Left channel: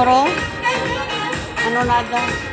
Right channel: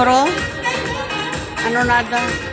siguro. Ano nada?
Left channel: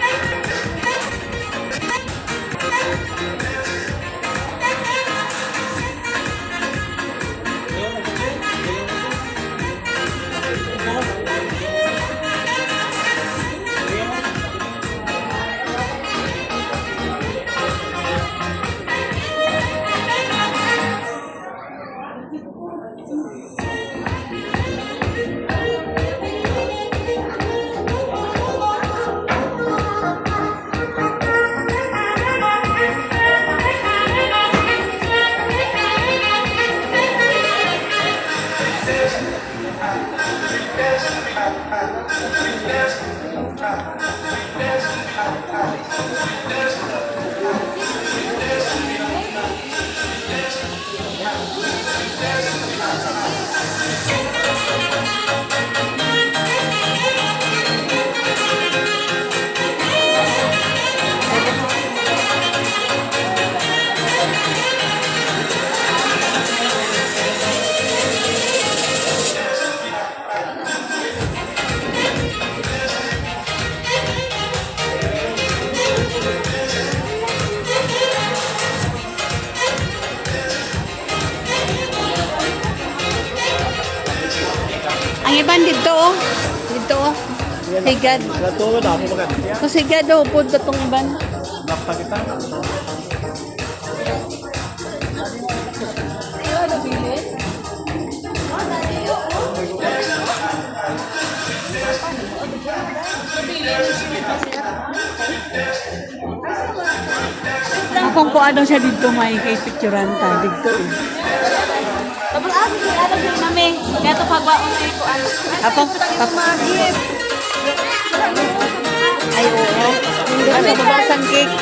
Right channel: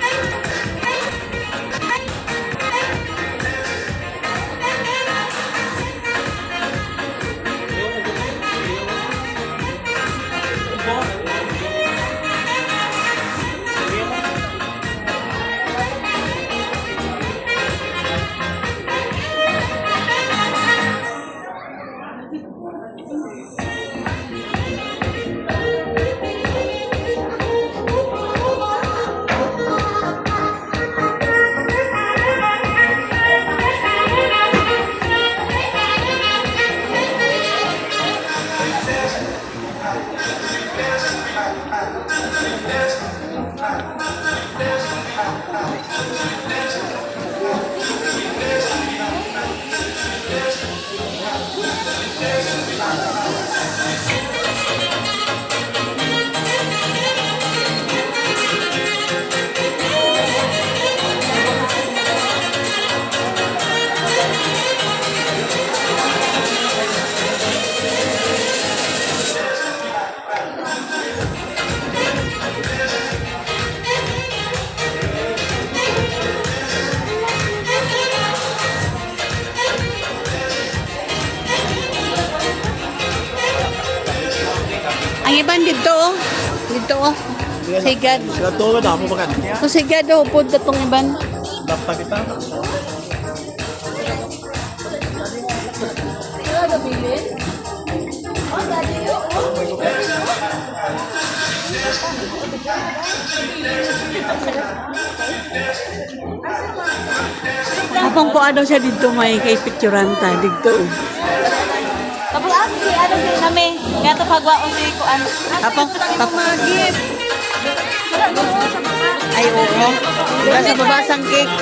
Ang iban dito oh. Dito oh. Sigad. Katulad ako makan. So sigad oh. Punta tong iban. Dapat kita. Apang po ano siya dito may kay picturean ta dito oh. Tapos asa si ano si nami. Kaya to pagwa ko si kuan. Apang Magit. ay oo. Nasa baba sang cake.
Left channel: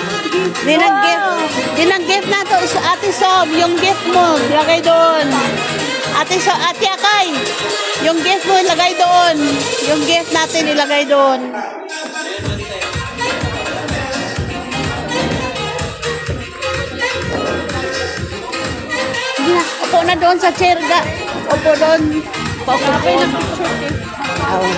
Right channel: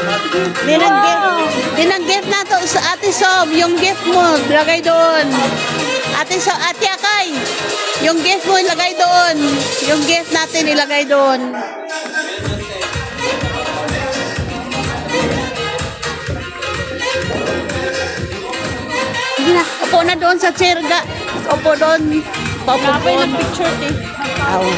Dinang gift na to sa Ate Sob. Yung gift mo, lagay doon. Ate Sob, Ate Akay. Yung gift mo, ilagay doon. Yung gift natin, ilagay doon. Sige na, upo na doon sa chair ga. Upo doon. Upo doon. Oo.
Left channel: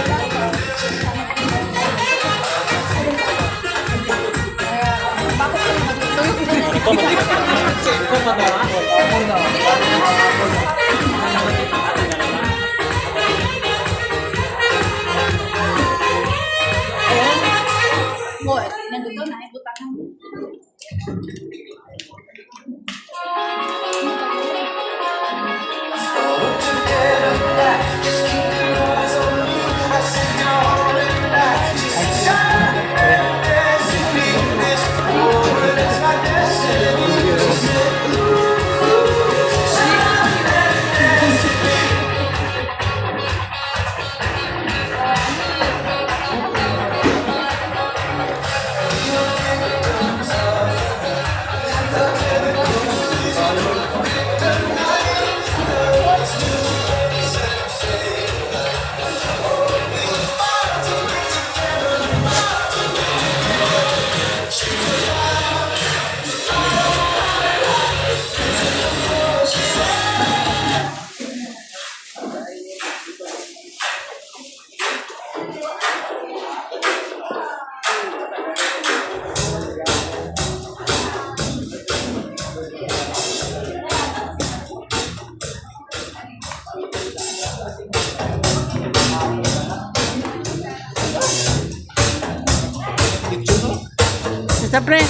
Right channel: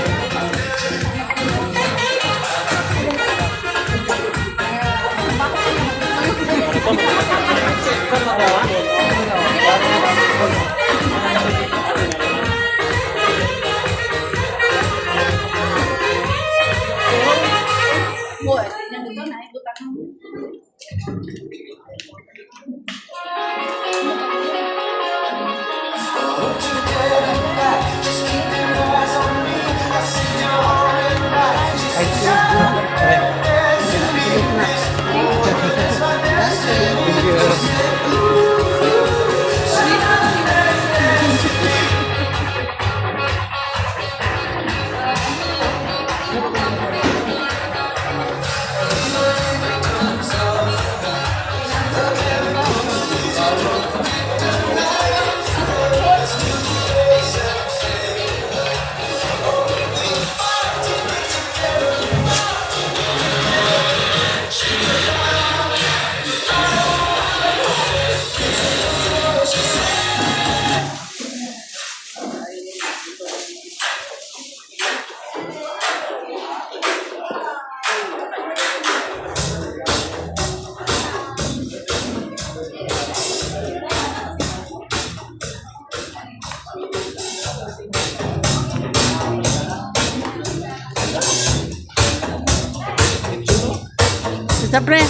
Basta pre.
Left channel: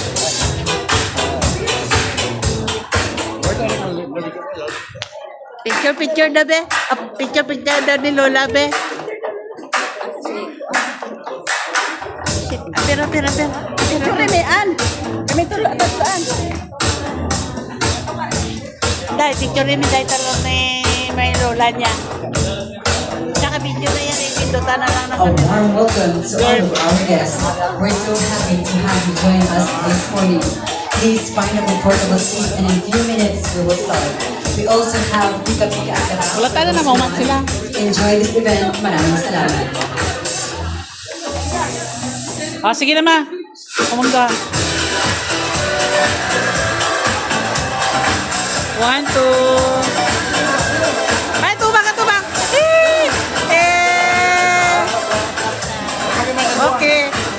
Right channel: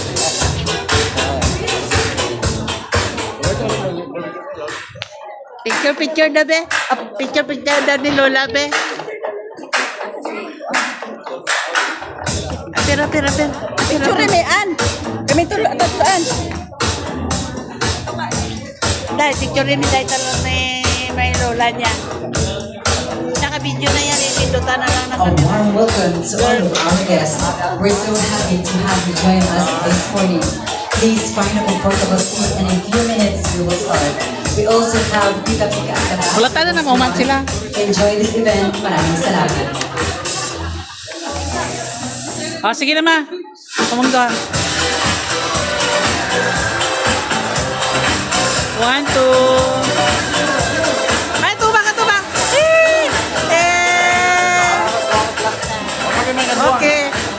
Picture na be. Picture na ni Lola be. Pira. Picture ni an. Kami tulan. Dahil picture ni dahil talaga ni may Lola niya. Tsaka video na yan. Pindutan na lang na A warm welcome to all of our guests. We're so happy to have you join us this morning. Please find a comfortable seat and in a few minutes we will start. We also have Pika Pika at the back. Wala tayo na maumat sila. Enjoy this event. Maraming salamat. sige na ma. Kumangga. 1, 2. Ay, tubak.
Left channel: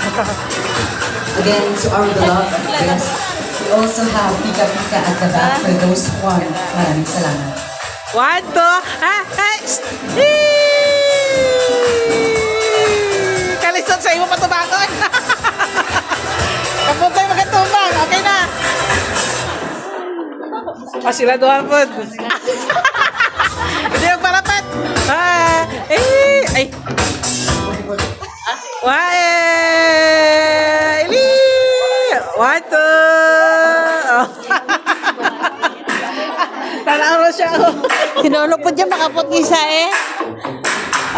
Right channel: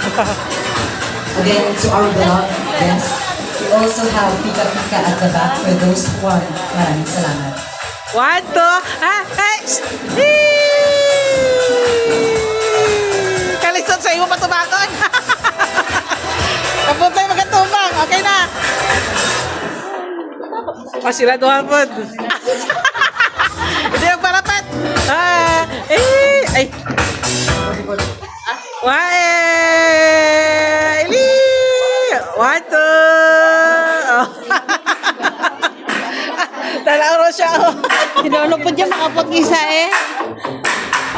Again, to our beloved guests, we also have Pika Pika at the back for those who want. Maraming salamat. 1, 2, Kalisod sa iyo matubagon. Kapag tayo magkatubang, okay na. Sila doon po. Hindi yung parapat. Ay. Ili! 1, 2. Oh. Talaang siya. Sinulo po dyan, makapot ng isa eh.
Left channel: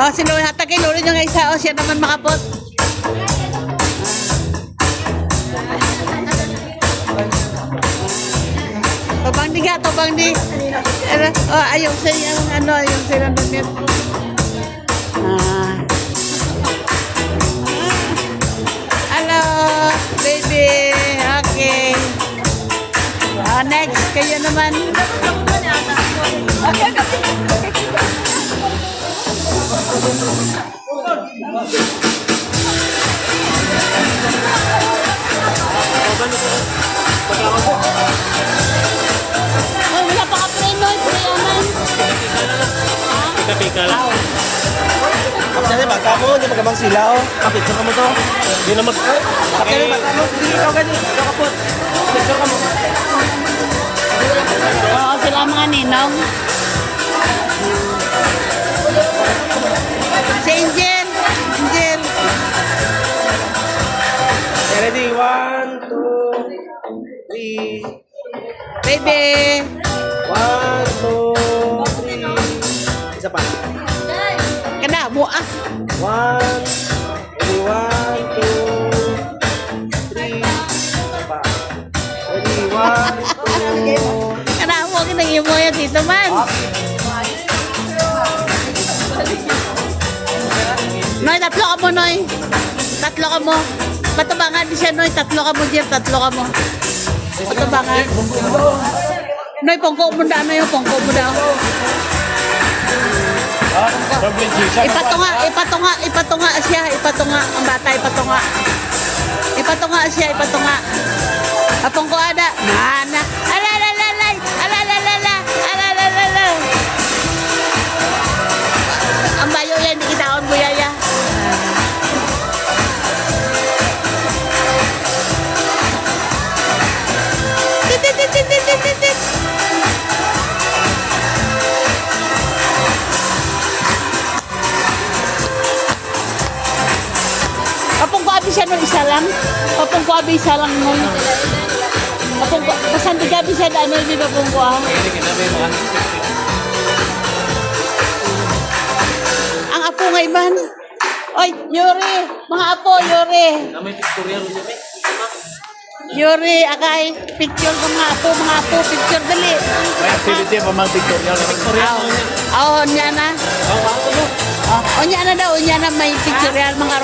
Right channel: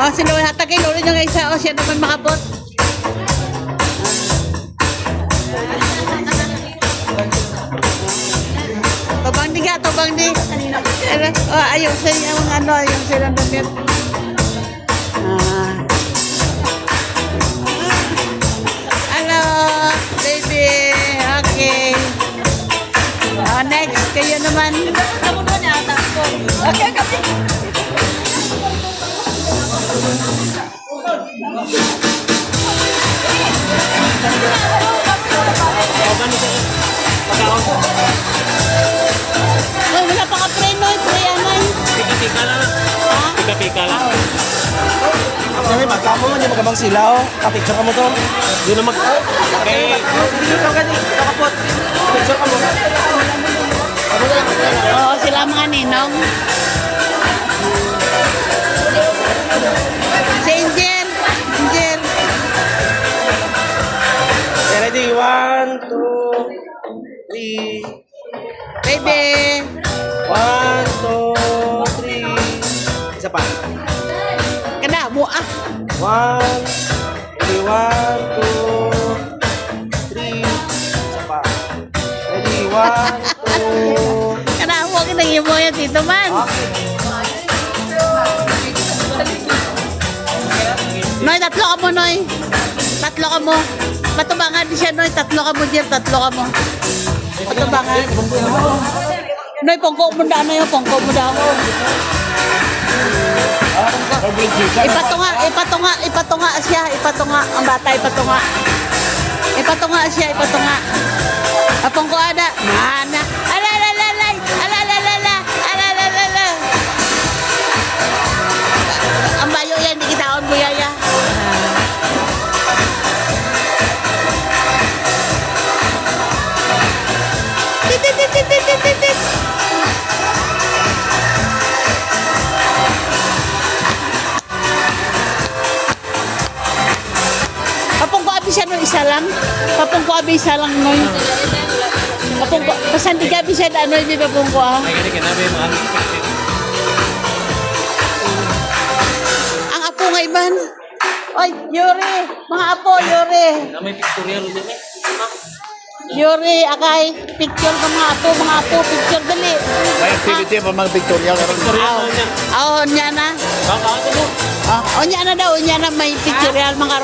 Oh, sinulo hatag kayo niya ng isa. Oh, siya naman makapot. Tobang di ka, tobang di. Oh, ayun sa yung ano, yung sinandamit. Hello, baby. Okay. Next, kayo naman. Uy, wala pa ka pre, no? Pre, anay. Pika-pika lang. Ha? Pika-pika lang. Aw. Kasi bata mo, hindi magabang sila, oh. Kapicture ka mo to. Hindi na mag... Hindi, ikaw gani. Ikaw kapot. Picture ka mo. Oo, sila mga ninong. Si Angel. Angel. Ready? 1, 2, 3. Baby. 1, 2, 3. Isa pa. Kada mo ah. 1, 2, 3. Isa pa. Ready? 1, 2. Kada mo kinang mo yan dito man. Noy, tatlo ka mo, Noy. Tatlo ka mo. Patubangan din siya, Noy. Tatlo ka mo, Jeff. Tatlo ka mo. Patubangan. Noy, pongko mo daw. Ano yung pongko mo daw? Ipatunga siya. Ipatunga. Ang bata, ipatunga. Ipatunga siya, ipatunga. Apongko ada. Mana? Alalalala. Alalalala. Alalalala. Ang bayo yan, di kitaon mo yaya. Tit. Papong ko abi siya nung isa lang. Papong ko abi isa lang nung. Papong ko, basan di gabi siya na ano yung papong ko ah. Ang apo nga iban. Oy, Yuri, mga apo, Yuri. May pictorial ulit eh. Yuri, akay, picture ka mga apo, picture dali. May activity pa mga pictorial. Pictorial na niya. Oh, nya na. Oh, nya na daw, nya na may pictorial mga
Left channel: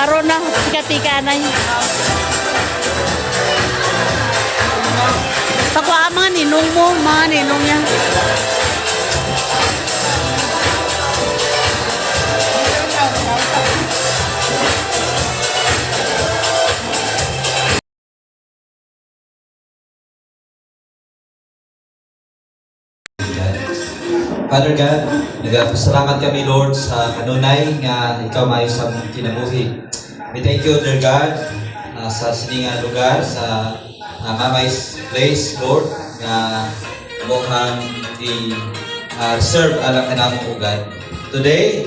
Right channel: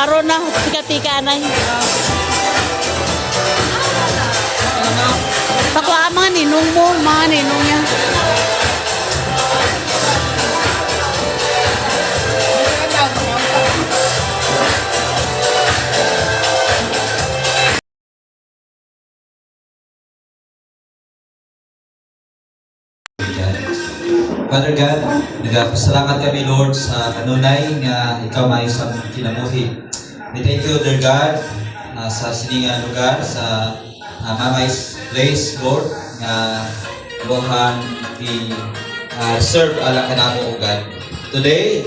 karon na pika-pika na. Pakuha mga ninong mo, mga ninong niya. Father God, nagpasalamat kami Lord sa kanunay nga ikaw maayo sa among kinabuhi. We thank you, dear God, sa sininga lugar, sa Mamay's place, Lord, nga buhan i-serve ala kanamo o God. Today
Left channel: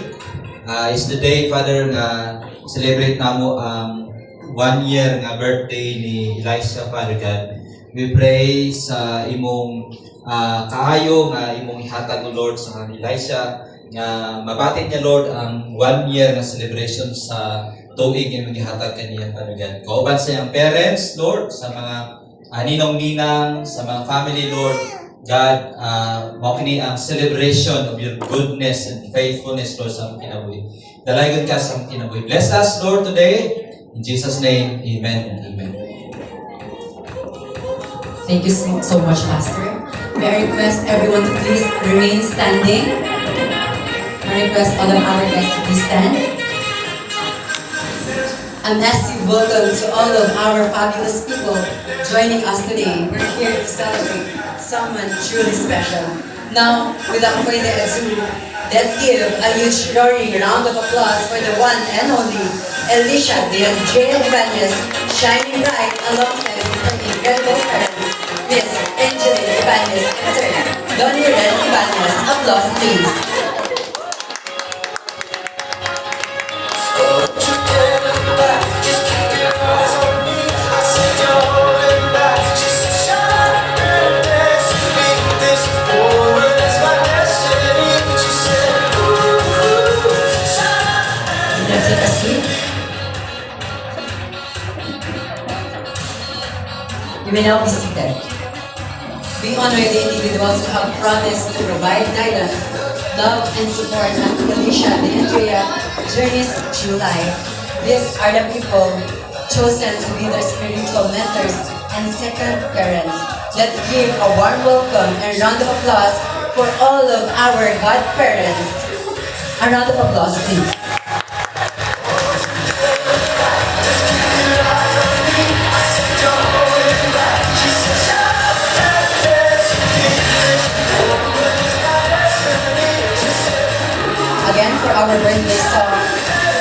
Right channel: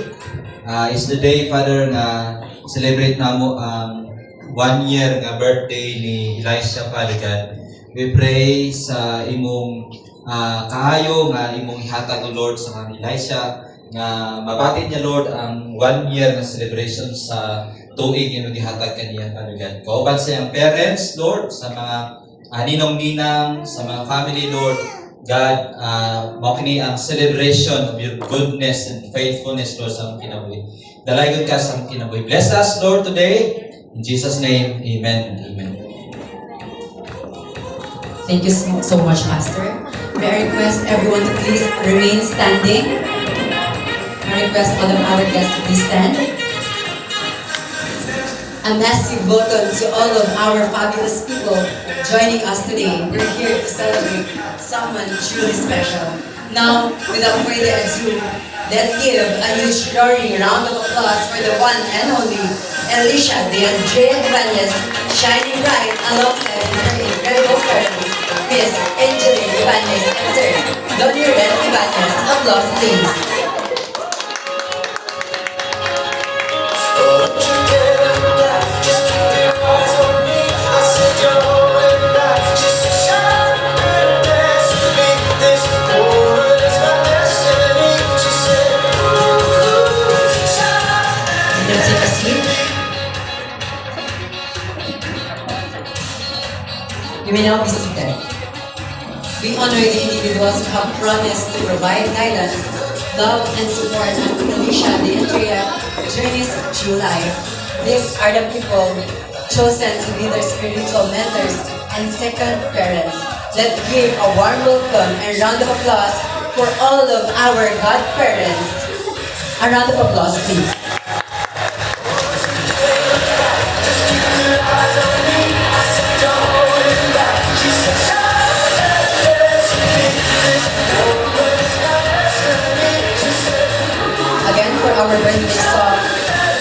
is the day, Father, nga celebrate namo ang 1 year nga birthday ni Elisha, Father God. We pray sa imong kaayo nga imong ihatag o Lord sa mga Elisha nga mabatid niya Lord ang 1 year nga celebration sa tuig imong ihatag kaniya Father God. Kauban sa iyang parents Lord, sa mga ninong-ninang, sa mga family Lord God, mao kini ang celebration of your goodness and faithfulness Lord sa among kinabuhi. Dalagon ka sa among kinabuhi. Bless us Lord today. In Jesus' name, amen and amen. Thank you so much, Pastor. May I request everyone to please remain standing. I request all of our guests to please stand. A massive welcome to all of our fabulous people joining us today. We're here to celebrate someone truly special. Now, without further ado, let's give a huge roaring round of applause for the one and only Alicia de Andrea Ibanez, shining bright alongside her incredible parents, Miss Angeline Ibanez and Sir Donnie Red Ibanez. Applause, please. You can take a seat. You may now be seated. We honor the individuals who have promised to provide guidance, love, and support as Alicia de Andrea journeys through life. These are the people chosen to be their spiritual mentors and second parents. Let's give a warm welcome and round of applause for all of our godparents. A round of applause, please. Again, for our birthday song,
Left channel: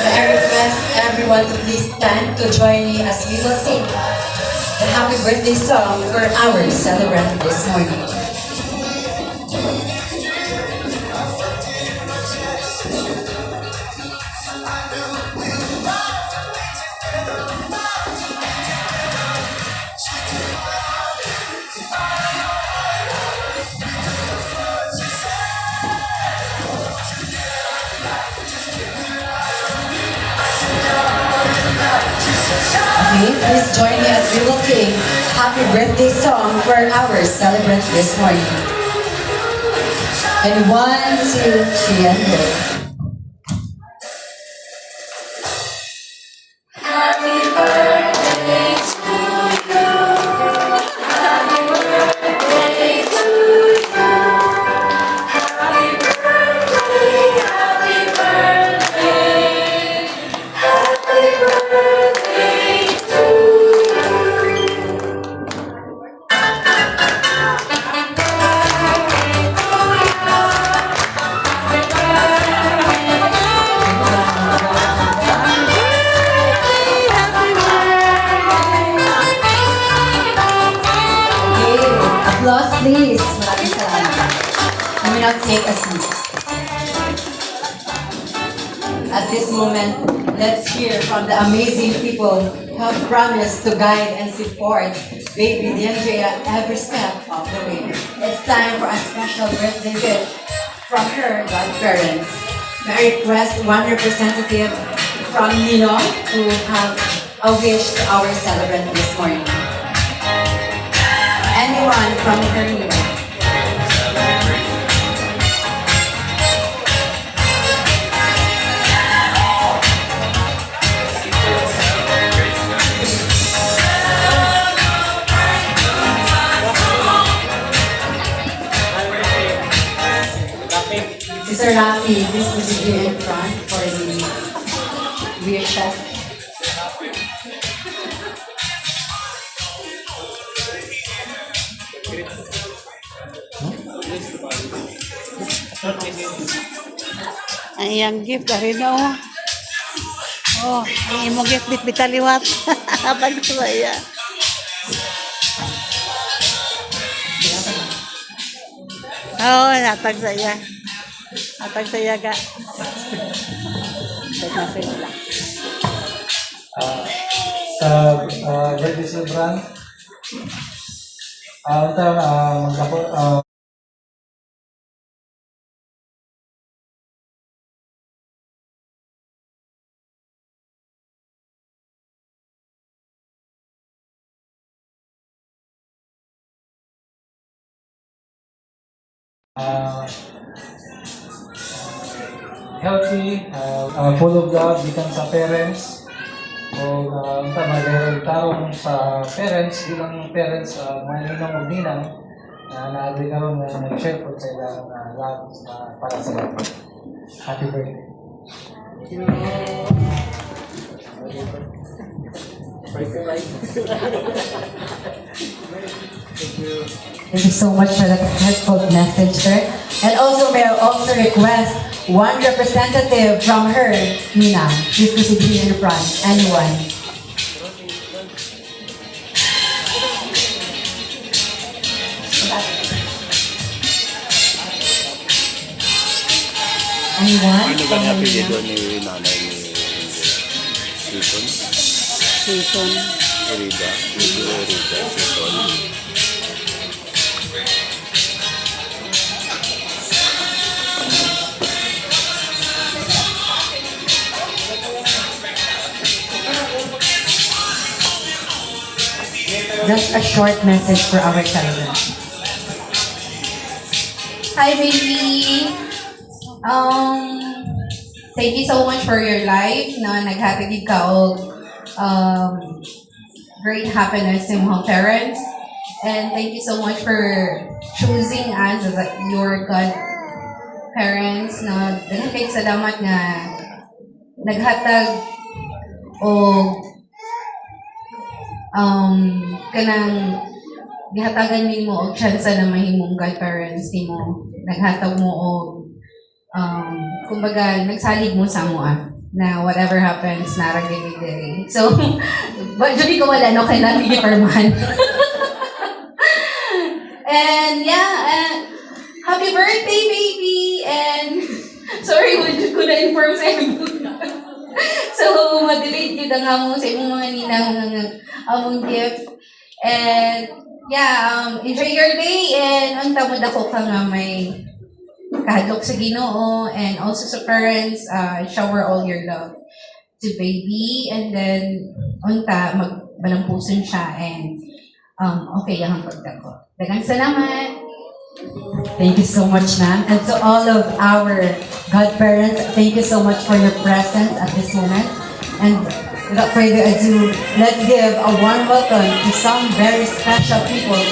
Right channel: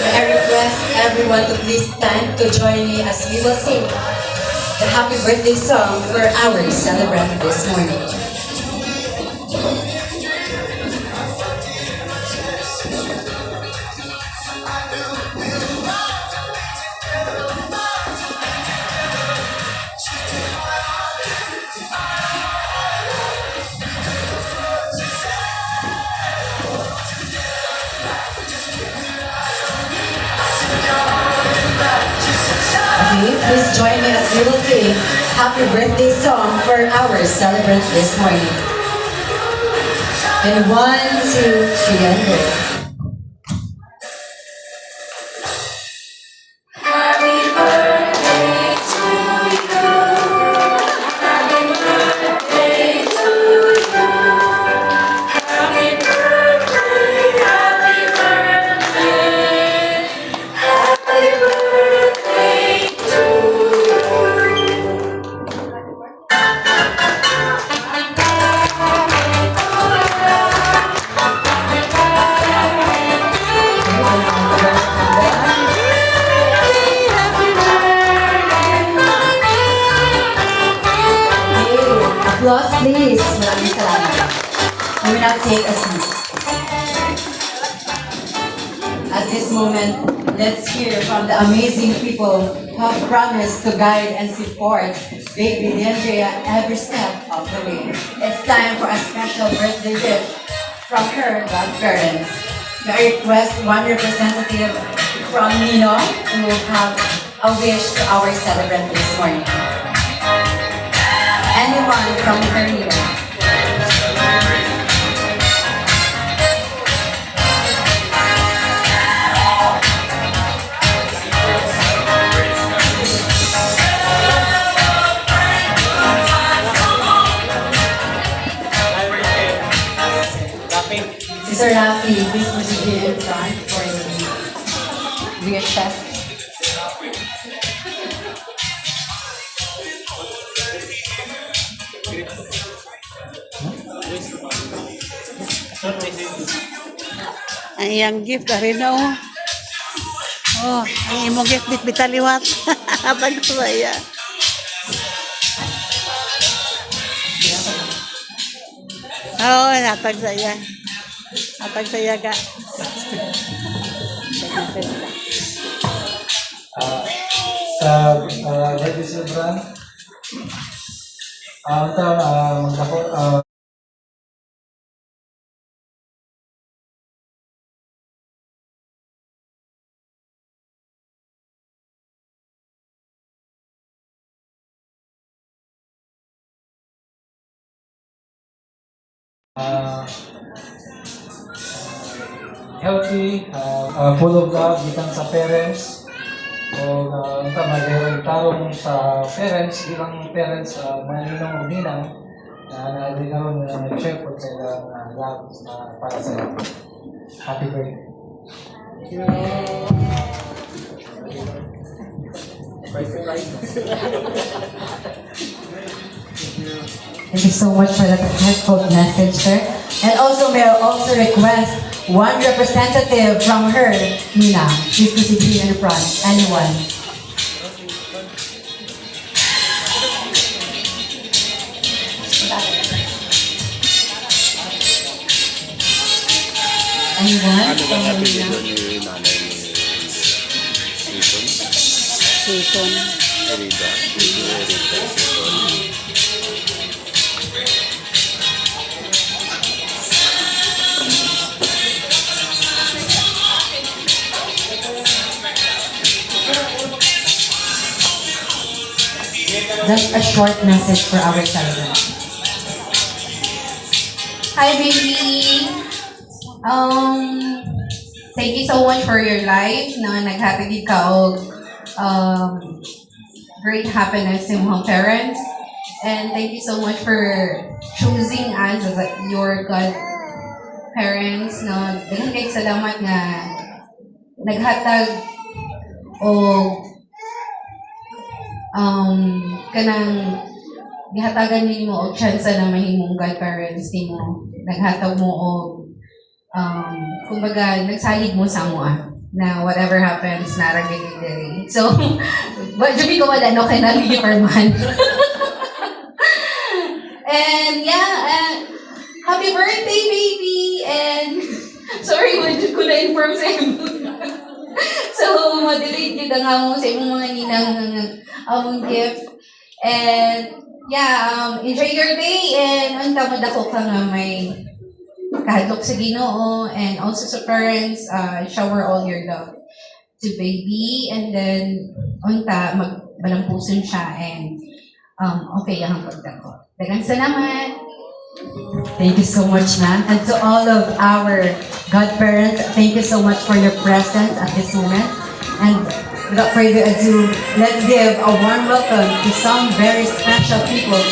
may I request everyone to please stand to join me as we will sing the happy birthday song for our celebrant this morning. Okay, please join me as we will sing happy birthday song for our celebrant this morning. And 1, 2, 3, and go. Okay, applause please. Maraming salamat. You may now take a seat. At this moment, let's hear from the amazing people who have promised to guide and support baby D'Andrea every step of the way. It's time for a special birthday gift from her godparents. May I request one representative from Nino who will have a wish to our celebrant this morning. Anyone from her Nino? Mr. Rafi, please proceed here in front for the beer chef. Ang iyang gift, rin na oh. Oh, ang imong gift, bitaliwat. Habang saya. Oo, natag saya. Natag saya ka. Sa birthday celebrant, ito, magdako, healthy, full of love, gikan sa parents, o mayroong tarong sa parents, bilang parents, maninong o ninang, na naagri karon na nag-share po sa ilang love para sa lahat. Happy birthday. Thank you so much for that heartfelt message, sir. And also, may I also request one representative from her, Mina. Please proceed here in the front. Anyone? Anyone from her, Mina? ni nanay ni Season. Season. Erida. Erida. Season. Just a short message for our celebrant. Hi, baby! Thank you so much for your life na naghatagid ka og great happiness sa mga parents. And thank you so much for choosing us as your godparents na daghang kay salamat na naghatag og kanang gihatagan nimo og chance na mahimong godparents nimo. Naghatag mo og kumbaga nagsalig mo sa mo na whatever happens naragigig diri. So, sabi ko wala no kay naligi perman. And yeah, happy birthday baby and sorry ko na inform sa imo. So, ma-delete yun ang among sa imong mga ninang among gift. And yeah, enjoy your day and unta mo dako ka nga may kahadlok sa Ginoo and also sa parents, shower all your love to baby and then unta magbalampuson siya and okay ang pagdako. Daghang salamat. Thank you so much, ma'am. And to all of our godparents, thank you so much for your presence at this moment. And without further ado, let's give a warm welcome to some very special people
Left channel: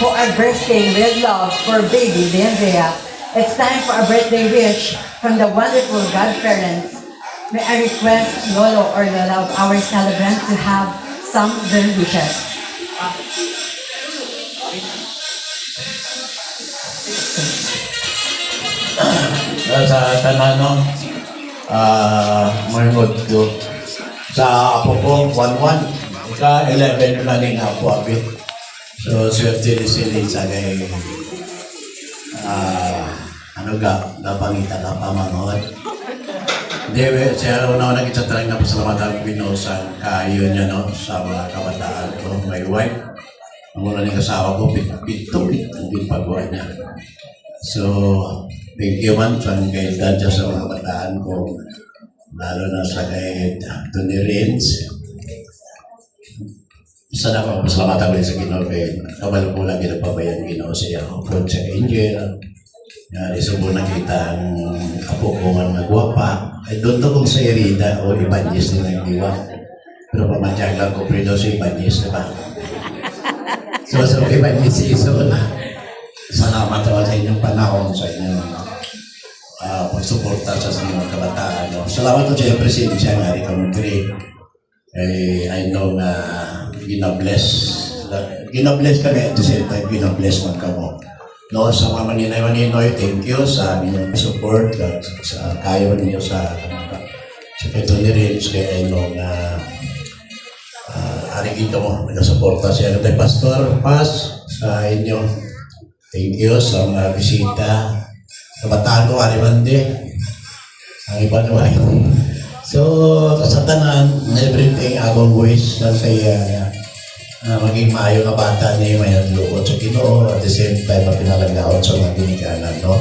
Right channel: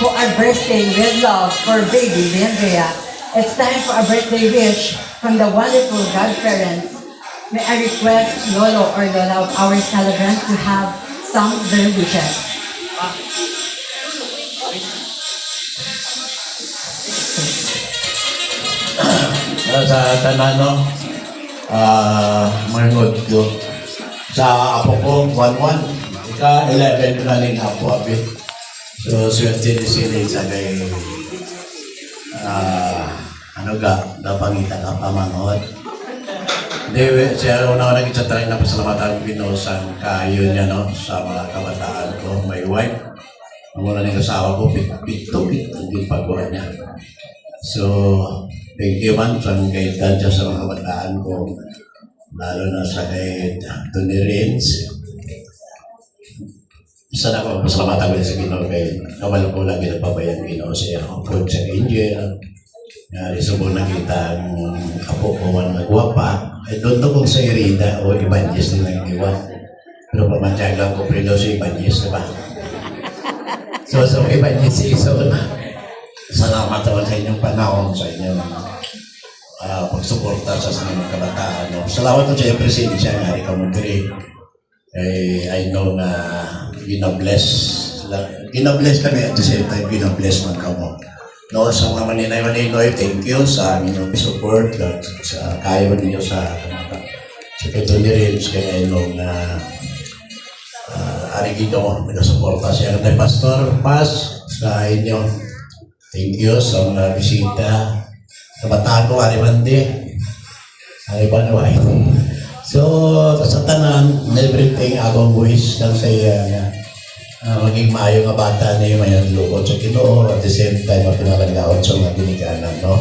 who are bursting with love for baby Andrea. It's time for a birthday wish from the wonderful godparents. May I request Lolo or Lola of our celebrant to have some of their wishes. Sa tanano, manunod ko. Sa apo ko, 1-1. Ika-11 na ning apo abit. So, swerte ni sila sa kay napangita na pamanod. Hindi, siya una nagkita na pasalamatan ko sa kayo niya, no, sa mga kabataan ko. May wife. Ang una ng kasawa ko, bito yung paggawa niya. So, thank you man sa kaitan dyan sa mga kabataan ko. Lalo na sa kay Tony Rins. Sana ko pasalamatan ko sa Ginoo kay kabalo ko lang ginapabayan Ginoo siya. Approach sa Angel. Risubo na kita ang apo ko man magwapa. Ay doon to kung sa Erida o Ibanez na lang iwan. Pero pamantyaga ko predo sa Ibanez, diba? So sa Ibanez season, salamat sa inyong panahon, sa inyong pagsuporta sa mga kabataan. Salamat po sa presensya nga ikaw mag-create. I know na ginabless kami at the same time ginabless man ka mo. No, sa mga maninay-maninoy, thank you sa inyong support at sa kayo ninyo sa Tony Rins kaya nung Arigino, nasuporta siya ng Pastor Paz sa inyo. Thank you sa mga bisita. Kabataan ko, Aribande. Aribanway. So, sa tanan, everything akong wish na saya maging maayo nga bata niya may naglukot sa Ginoo at the same time mapinalaglaot sa mga ginikanan, no?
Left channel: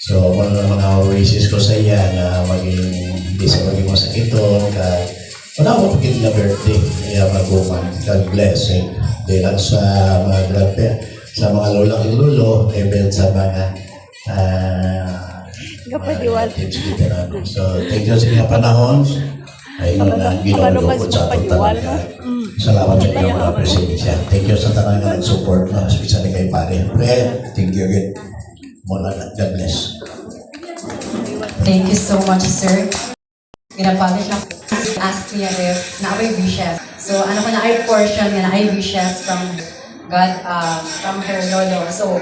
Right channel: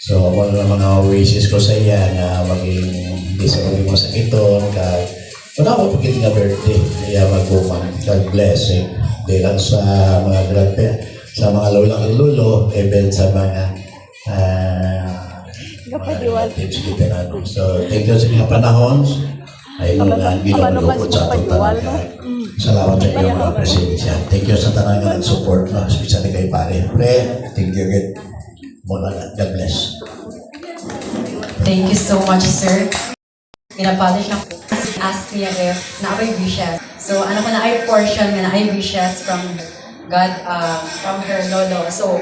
So, ano na mga wishes ko sa iya na hindi siya maging masakiton kahit wala ko pagkita na birthday kaya mag-uman. God bless eh. Di lang sa mga grandparents, sa mga lola at lolo, even sa mga so, thank you sa mga panahon. Ay no na ginulukot sa atong talaga. Salamat sa iyo mga presensya. Thank you sa tanang nga nag-support na, especially kay pare. Thank you again. God bless. Thank you so much, sir. Ginapolish ako. Asked me if na ay wishes. So, ano ko na ay portion na ay wishes from God, from her lolo. So,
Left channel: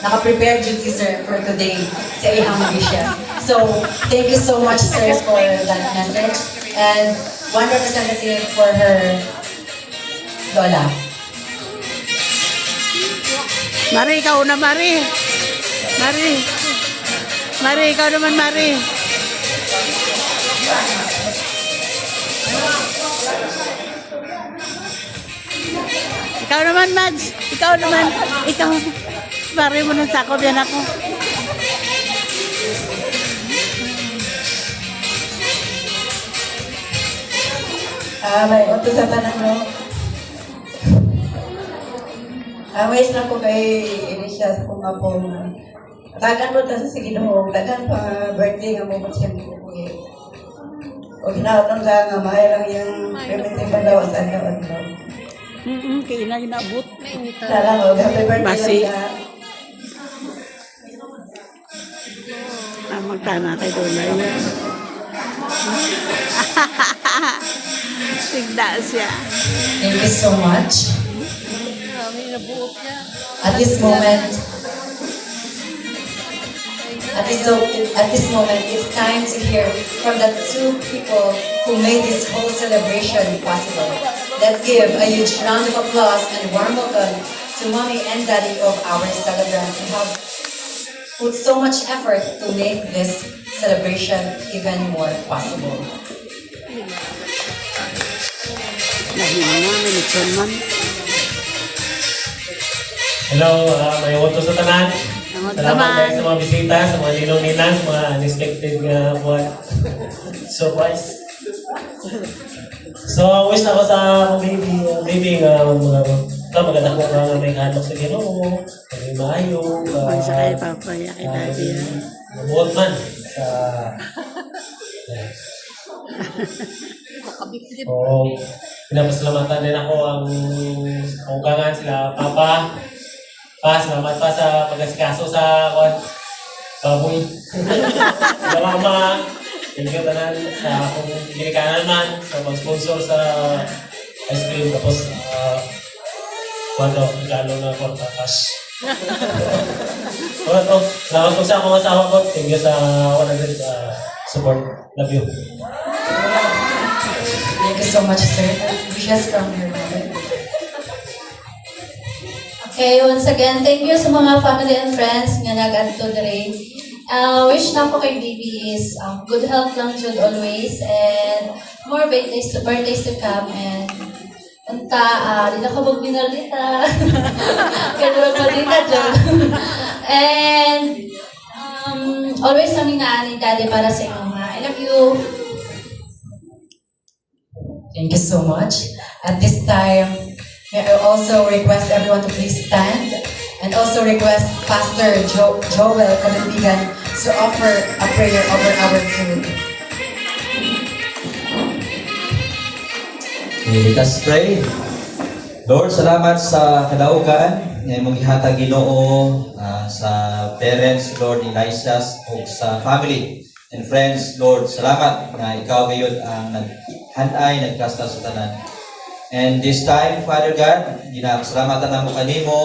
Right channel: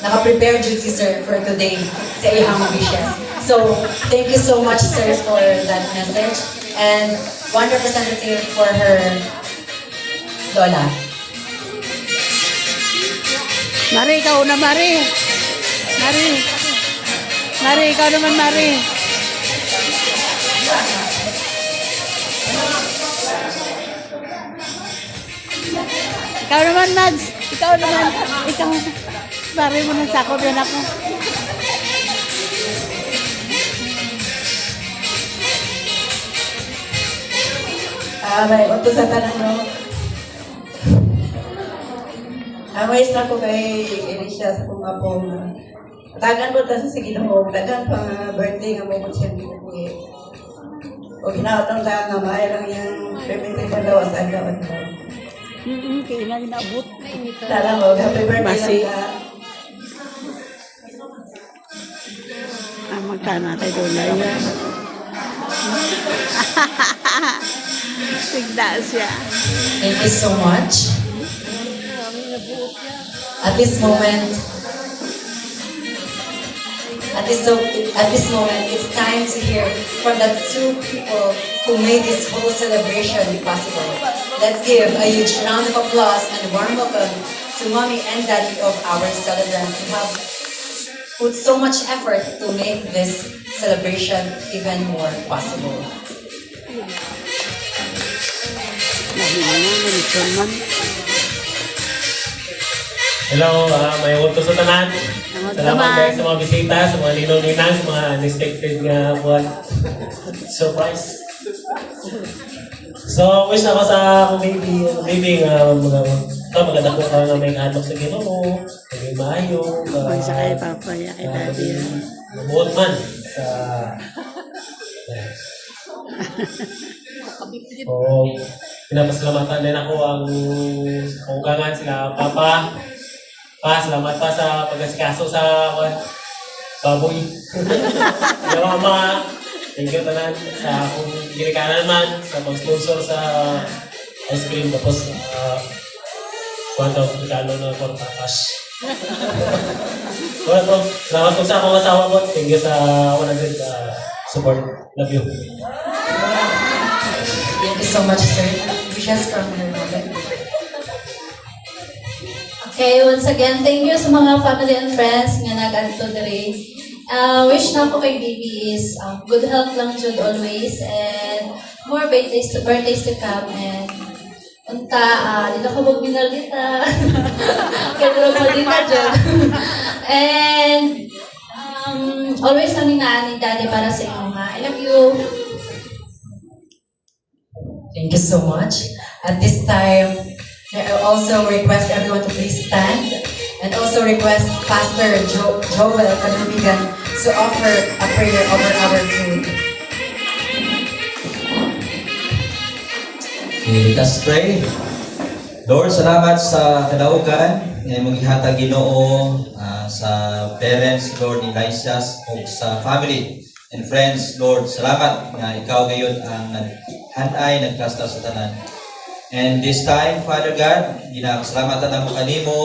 naka-prepare dyan si sir for today sa iyang wishes. So, thank you so much, sir, for that message. And one representative for her lola. Mari, ikaw na, Mari. Mari. Mari, ikaw naman, Mari. Ikaw naman, Mads. Ikaw naman. Ikaw. Mari mo ng sakop yan ako. May uto sa tanan no. Amay na ko kay Elisa kung apong tagan mo ta sa sige mo, tagan pa birthday nga mo mo siya ko eh. O ginaotong ka nga may lang yung pwede pa daw sa daw. Kaya na inabot. Salang o happy birthday. Masi. Elisa. Magtana kay Donay yan. Tigda siya. Thank you so much. At this moment, it's time to hear from the two people who made this whole celebration possible. Let's give a huge round of applause and warm welcome to Mommy and Daddy of our celebrant who have put so much effort to make this celebration even more possible. Man. Hello, may uto sa tanan. Salamat Salamat naman. kayo sa mga bisita, sa mga ninong-ninang, sa mga unexpected nga buwan. Surprise. So, wish na ako sa akong baby nga maganda ko nga may hanok sa Ginoo, may maayo, Pag sa kay Papa, ya kay Daddy. mabuot man sa Oo. Pinapasalamatan din ako ang kaugangan sila Papa. Salamat pa sa pag-asikaso sa baboy. Sa Mama, thank you tanan sa akong ginikanan man, sa mag-sponsor sa ice cream. Tapos, regalo na portakas. to, salamat po sa akong asawa ko. Thank you sa 100 support. Love you. Thank you so much, sir. Wishes from your mother. Okay, once again, thank you sa mga family and friends nga nag-adto diri. Wish na ko kay baby is good health lang jud always and more birthdays to come and unta di na ka magbinalita. Kaya malita jud. And always lang nga ni Daddy para sa inyo. I love you. Thank you so much. At this time, may I also request everyone to please stand and also request Pastor Joel Kalubigan to offer a prayer over our food. Let us pray. Lord, salamat sa kadaugan nga imong gihatag Ginoo sa parents, Lord, ni Lysas o sa family and friends. Lord, salamat nga ikaw gayud ang naghanay, nagkasta sa tanan. And this time, Father God, ginapasalamatan na mo kanimo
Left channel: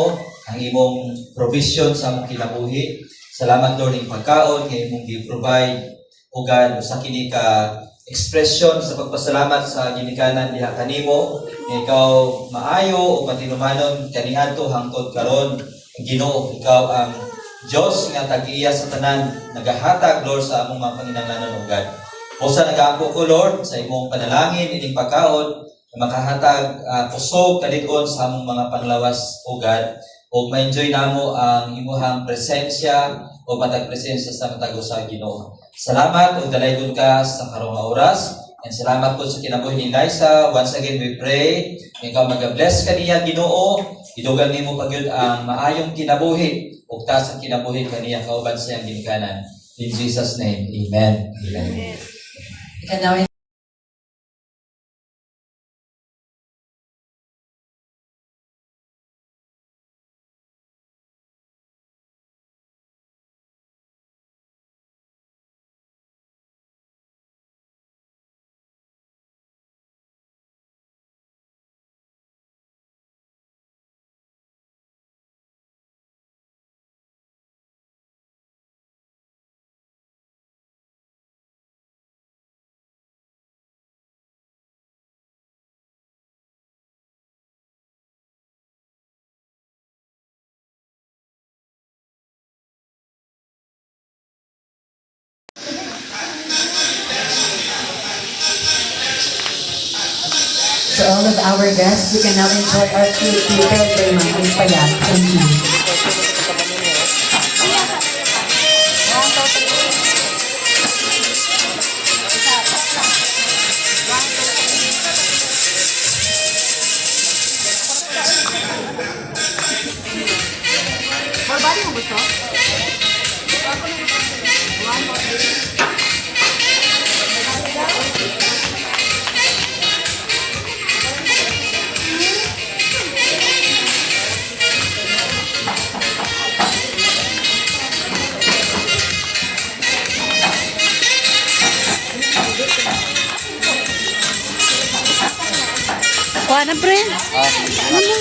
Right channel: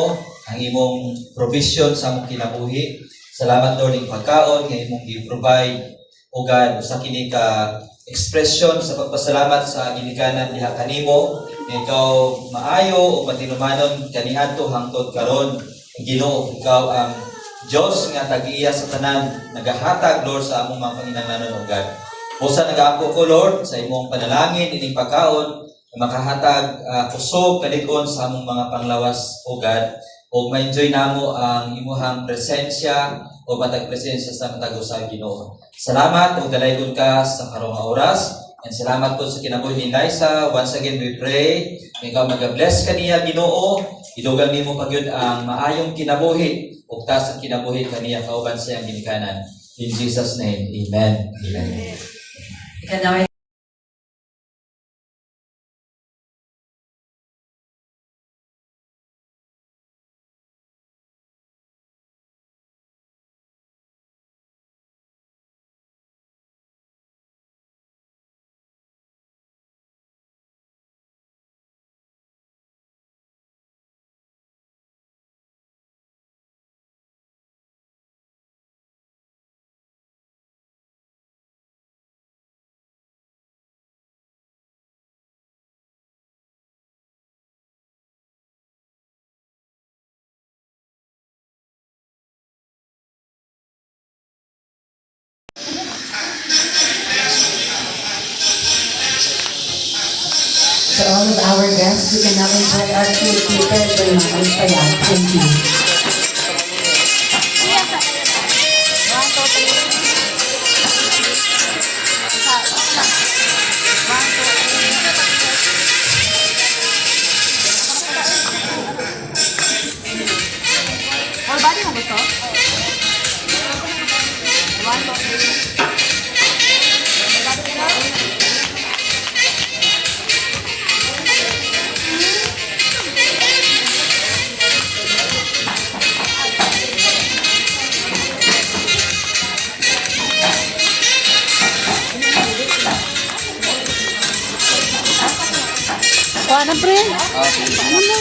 ang imong provision sa among kinabuhi. Salamat, Lord, ng pagkaon nga imong gi-provide o God sa kini ka expression sa pagpasalamat sa ginikanan diha kanimo nga ikaw maayo o patinumanon kaniadto hangtod karon. Ginoo, ikaw ang Diyos nga tag-iya sa tanan, nagahatag, Lord, sa among mga panginahanglanon, O God. Busa nag-aako ko, Lord, sa imong panalangin, ining pagkaon, na makahatag kusog, kalig-on sa among mga panglawas, O God. O ma-enjoy namo ang imuhang presensya o matag presensya sa matago sa Ginoo. Salamat o dalaygon ka sa karong nga oras. And salamat po sa kinabuhi ni Liza. Once again, we pray. Ikaw mag-bless kaniya, Ginoo. Idugang nimo pagyud ang maayong kinabuhi. Ugtas ang kinabuhi kaniya kauban sa iyang ginikanan. In Jesus' name, Amen. Amen. You can now our guests. We can now enjoy our food prepared by Ma'am Paya. Thank you. Kuha na, pre. Ano mo?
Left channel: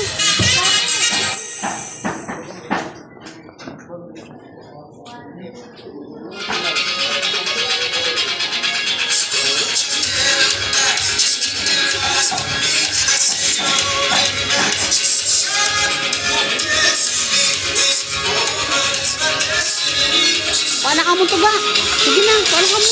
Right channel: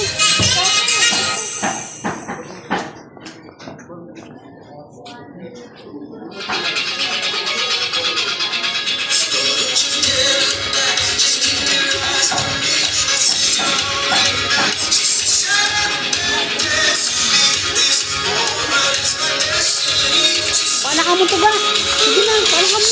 Paano ka mo to ba? Sige na, paano ka mo?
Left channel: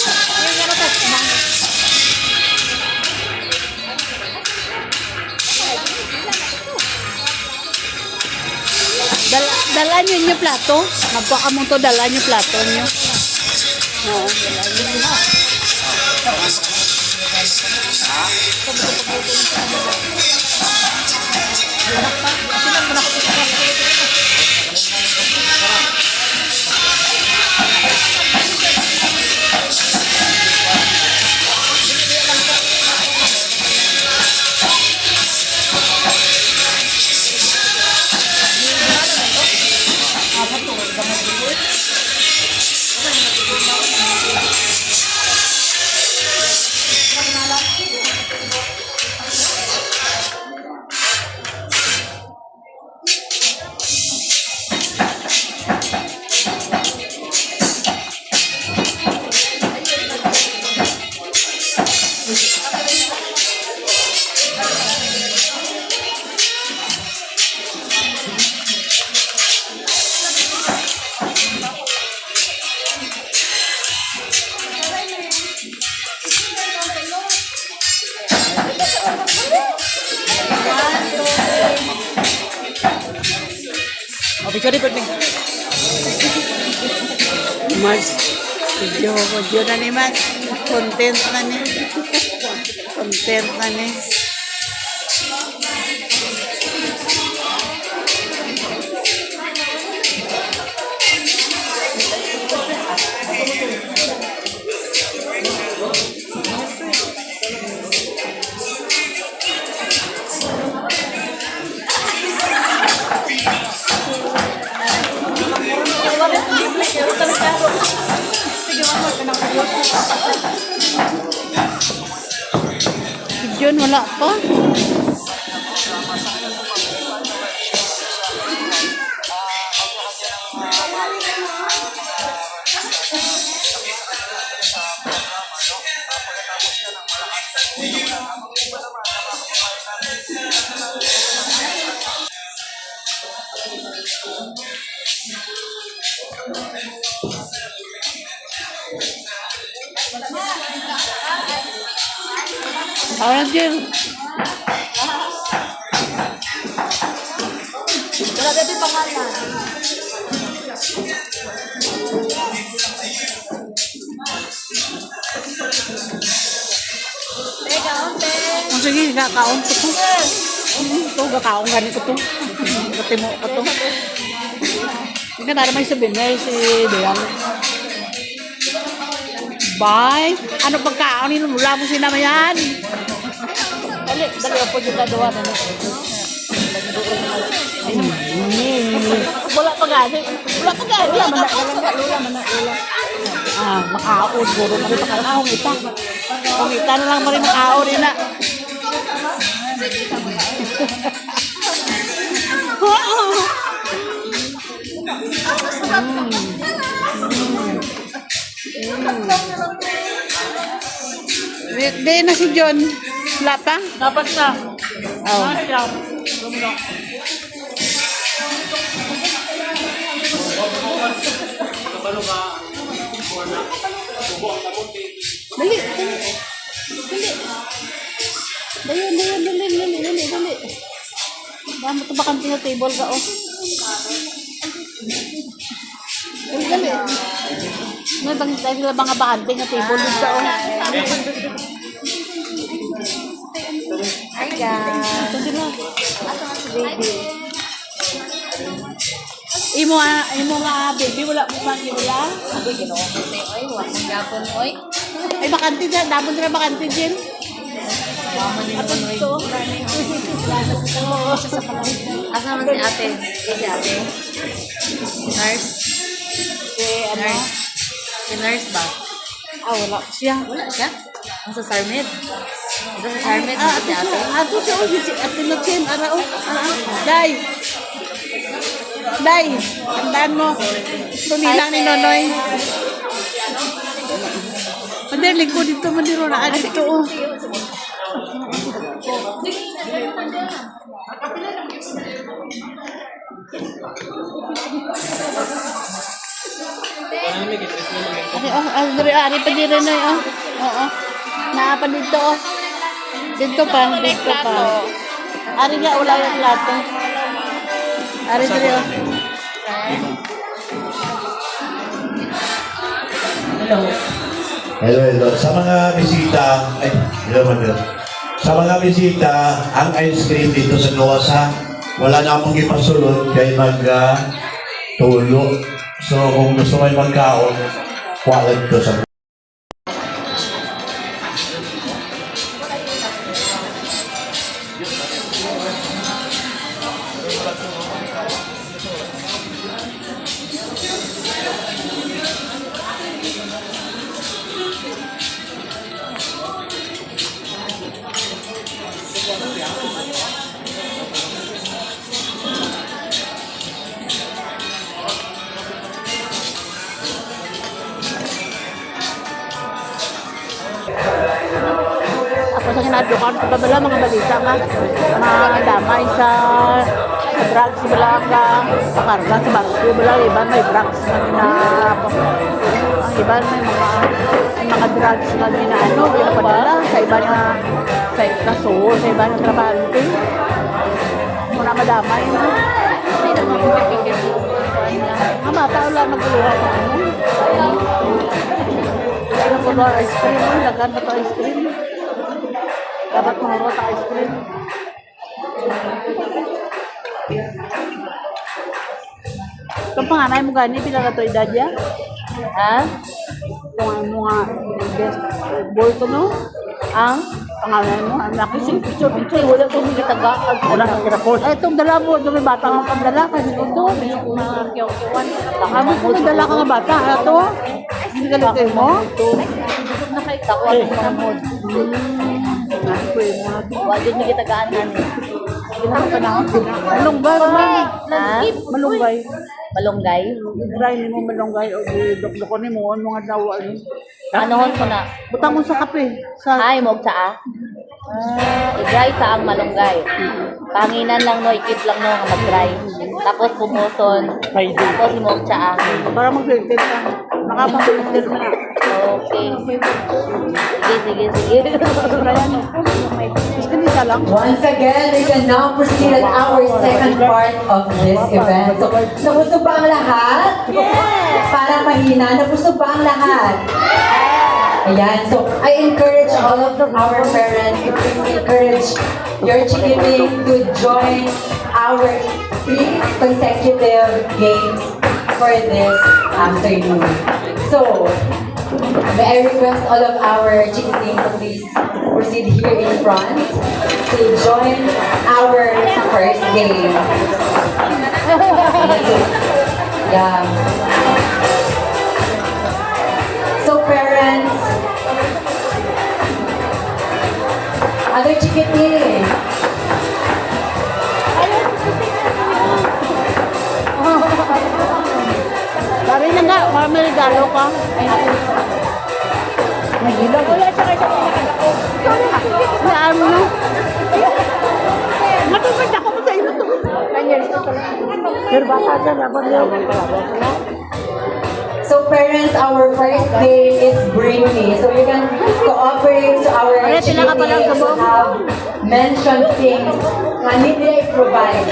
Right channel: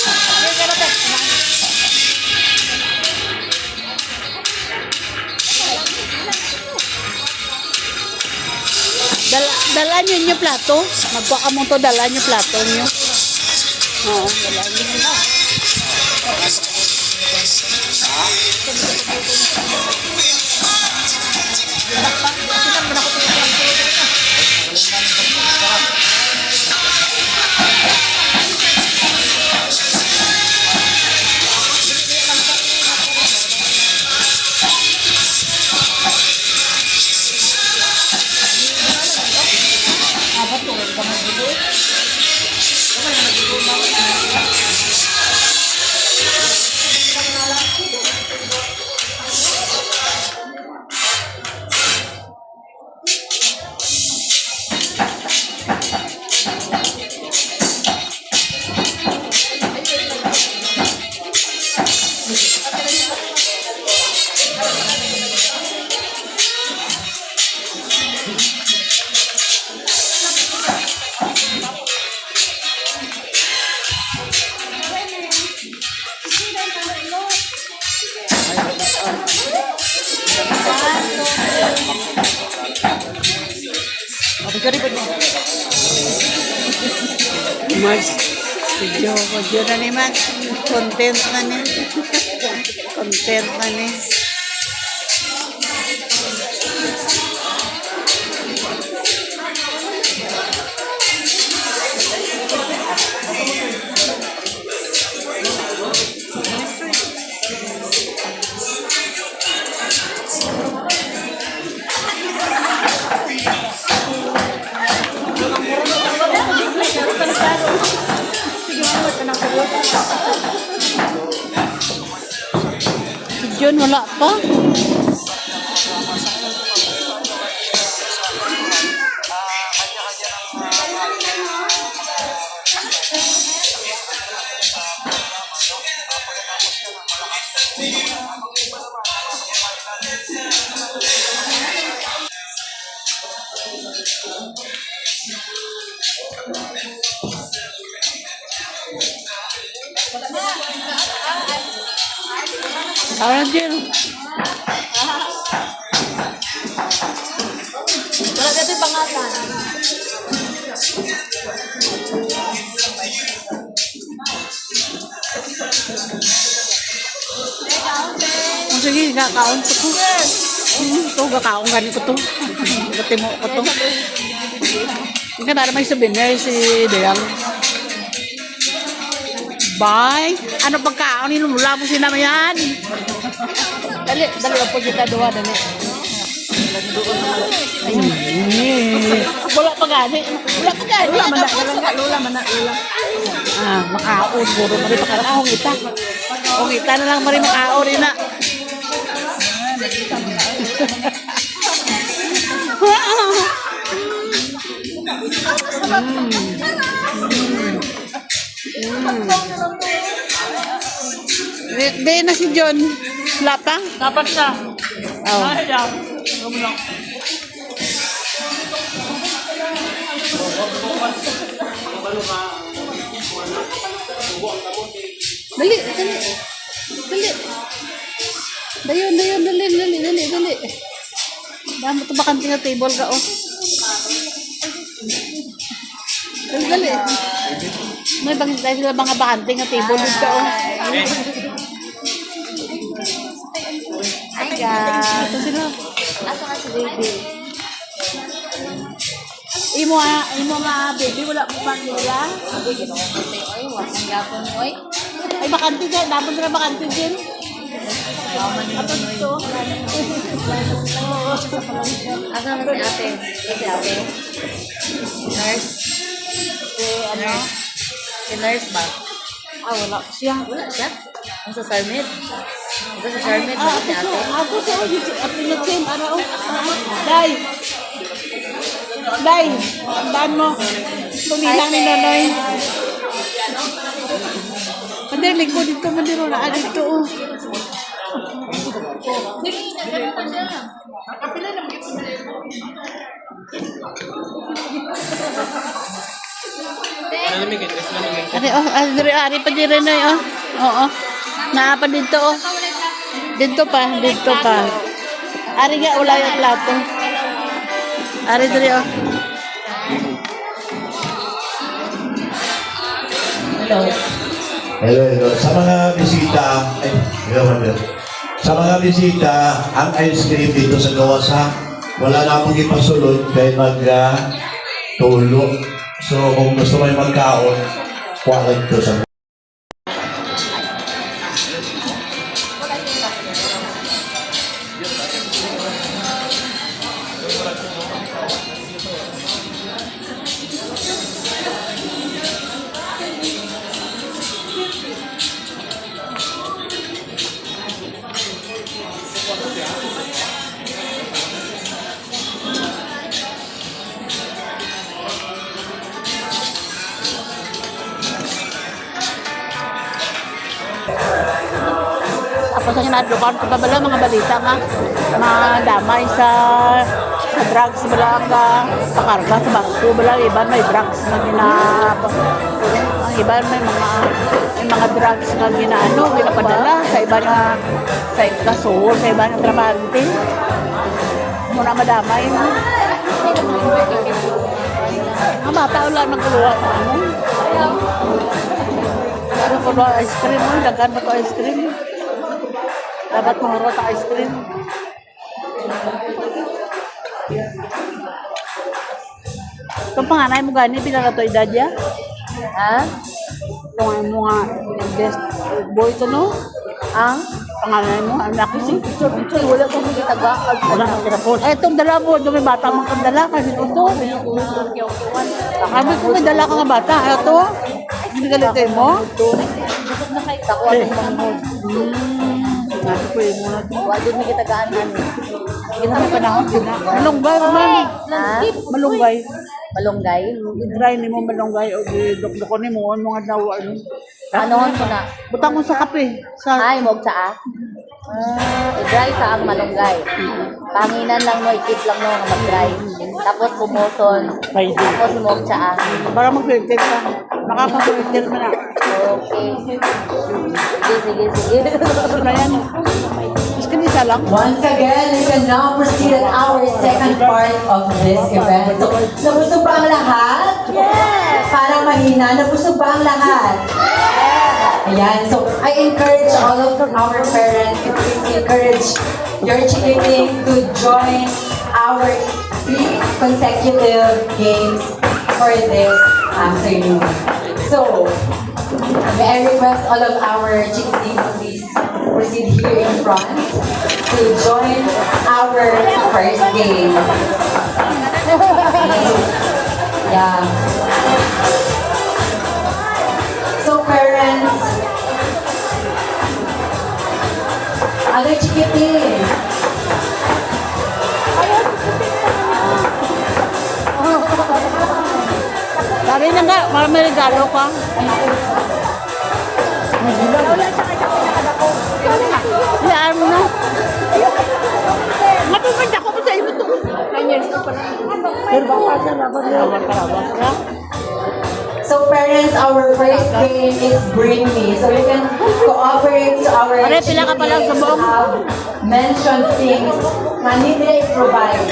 Dala niyo yung plato. Magkuha ka mo to, dala niyo plato niyo. Oo, dala niyo. Max, video na ni Max. Content na ni. Content na ni. Si John wala pa. Ahora John. Oh, sige, kakaon ko to. Ito, kakaon ganin ko to. Katimo ko to. Hindi na naman souvenir si Deyang. Bye. Ano pagkaon nila? Mula mo sinama yan. Dali po kita doon. Wala pa gani. Wala pa gani. Makaon. Puro na rin pakakahong ita. Kung ita na lang marin makaon rin na. Di na si John. Wala pa? Dapat na. Oh. Dali, dali. Dali. Dali. Yan, ito bakante nga table ka, oh. Dali. May bang dahil sila mga bakante nga table dito, oh. Hi guys. Ito sila. Asa nga si baby? Imo nga, baby, wala mo man nila. Sabi, ginawa ko sa'yo. Oy, wala ng gapon, oy. Ay, bakante dyan. Dapat sila bakante dyan. Ato dito. Asa naman si ate? Si ate? Nurse? Ano? Si nurse daw. Wala siya. Wala siya? Ang sa Sarmed? Ang sa Sarmed mo si ate? Ato siya, oh. Ate na chin. Ara, oh. Day. Day. Tandaan mo. Tumilang ni Nonoy. Mandi, lingko dito. Mandi, na dito, oh. Ari pa din rin, oh. Oo. Naapa dito, oh. Dito pa. Ari nga, wala yung plato. Ari diri, oh. Hello. Sa mga bisita, Sa mga bisita, ang ice cream dito sa Gawasa, wala na akong ipasulod kay tulog. So kung gusto mo magkaon, kuwagad ko sa Ako sa kinaadlokan ko kabala mga balita mga damay sa drugs bala ka karga sa bangko bala iba may drugs na iba may mga drugs na ginaano pinapadala sa iba nga sa kaso sa iba ng trabante muna madamay na hindi na mapipikikit mata wala nang kuha pa mo ayaw ko ba ice cream dagan mo to ice cream dapat mo to ice cream kung panganay mo gani pila ka to edad ya ha kung mo nga guest boy to no panganay mo anak ko sing picture wala ko may taga wala ka kira post etong dala mo do may bata mo dala kasi ito na kiyaw-kiyawan sabi ko may dala ka nga bata ato hindi ka lagay mo Gusto na kayo tao. Wala din may kitagaan namin. Malunggay. Malunggay? Dry ni mo malunggay o dok-dokon ni mo mga dawa. Ano nga na? Butang mo sa kape. Ay, mog saa. I-dry sa ang malunggay. Panginan lang mo, ikip lang mo mag-dry. Tapos bumuson. Tapos mog saa. Para mag-filter ka. Naka-filter ka na. Okay. Sige. Gusto na yan. Gusto niya isa lang. Once again, we can now proceed on our second part of this event. So, gusto ba ang lahat? Yes! Para mahina, gusto ba ang lahat? Ayan, so I encourage all of our parents, encourage your children to join our 3 consecutive games for this afternoon. So, may I request all of our children to please proceed here in front to join our first game. Yeah. So parents, other chikitin. Dari na nga, may regalo ka. Saan mo na? Matupad ako sa iyo to. Pero baka sa dapat yun. So parents, our first game is Bring Me. So you can cooperate to our Pare, pila ka pa lang sa buong? mention things na need they provide.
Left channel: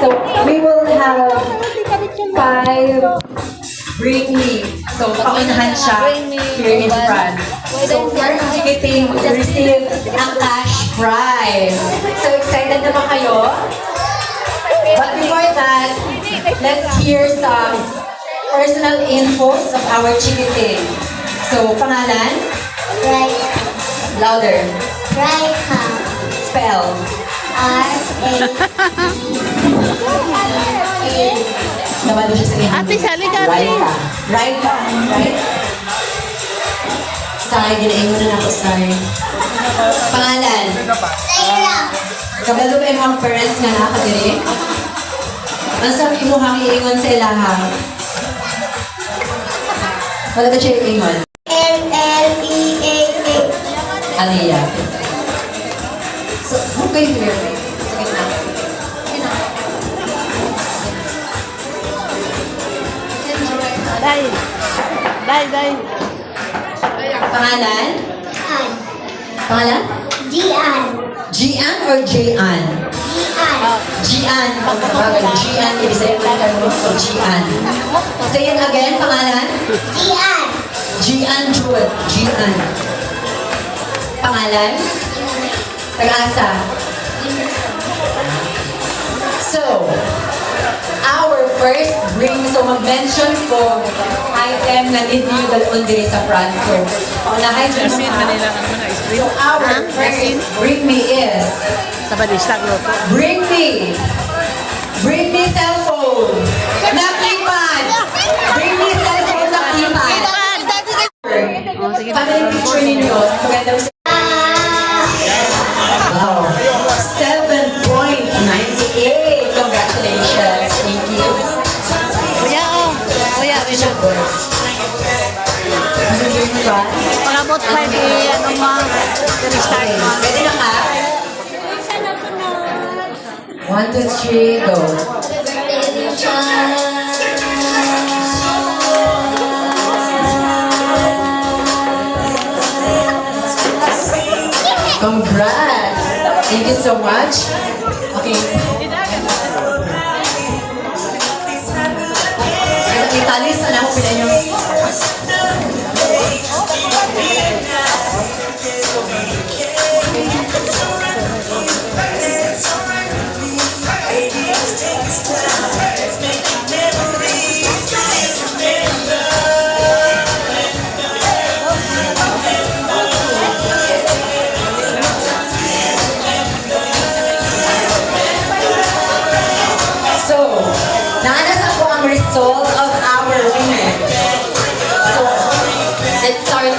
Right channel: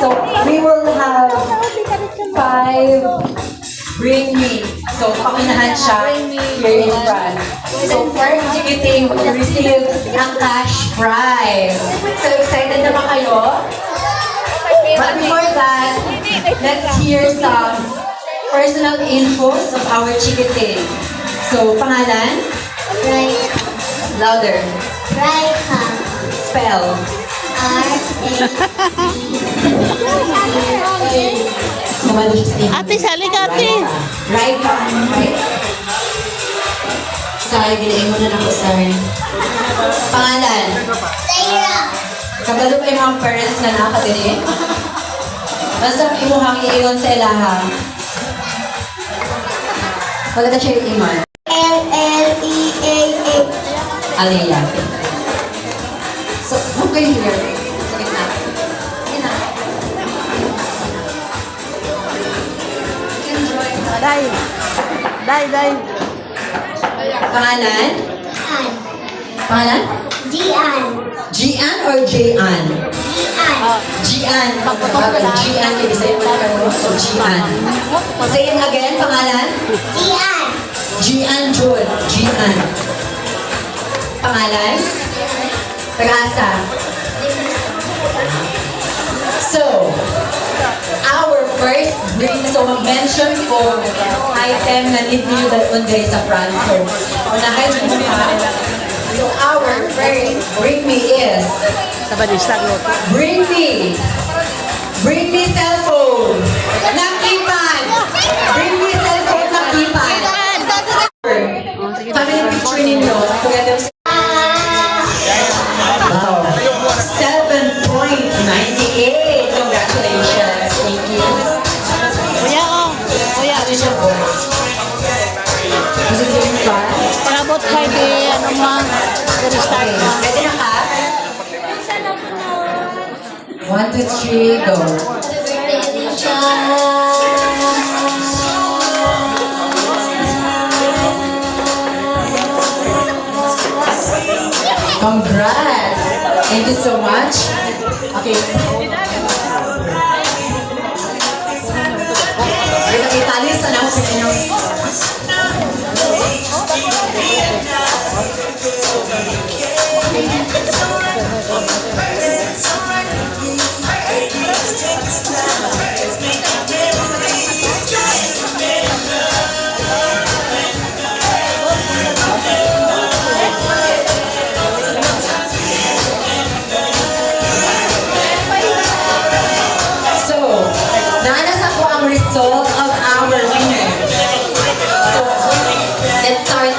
So we will have 5 Bring Me. So paunahan siya here in front. So first ticketing will receive a cash prize. So excited na ba kayo? But before that, let's hear some personal infos of our chikiting. So, pangalan? Right. Louder. Raika. Spell. Naman siya sa inyo. Ate, sali ka, ate. Raika. Raika. Right? Say, ginaingon na ako, Say. Pangalan? Layla. Kabalo kayo mga parents nga nakabili? Ano sa imuhang iingon sa ilaha? Wala na siya iingon. L-L-E-A-A. Aliyah. So, okay here. Sige na. Day. Day, day. Pangalan? An. Pangalan? Gian. Gian or Jian? Gian. Jian. Pagkabagal. Jian. Ibig sabihin mo ka mo. So, Jian. Say it again. Pangalan? Gian. Jian Jud. Jian. Pangalan? Taga-asa. So, our first bring, so mag-mention ko item na need nyo dalawang dire sa front. So, unahay dyan mo ha. So, our first bring me is, Sabadistag loto. bring me cellphone, nakipan, bring me cellphone, nakipan. Pag yung picture ninyo, magandang wow, 7.98. Congratulations. Thank you. Kuya, oh. Kuya, Bishop Boys. Gusto nyo yung ba? pangabot kay di, ano mo, restart mo. Pwede na ka? 1, 2, 3, go. Congrats! Thank you so much. Okay. Italis, ano ko sila nyo? So, naanas ako ang result of our winner. So, let's start with,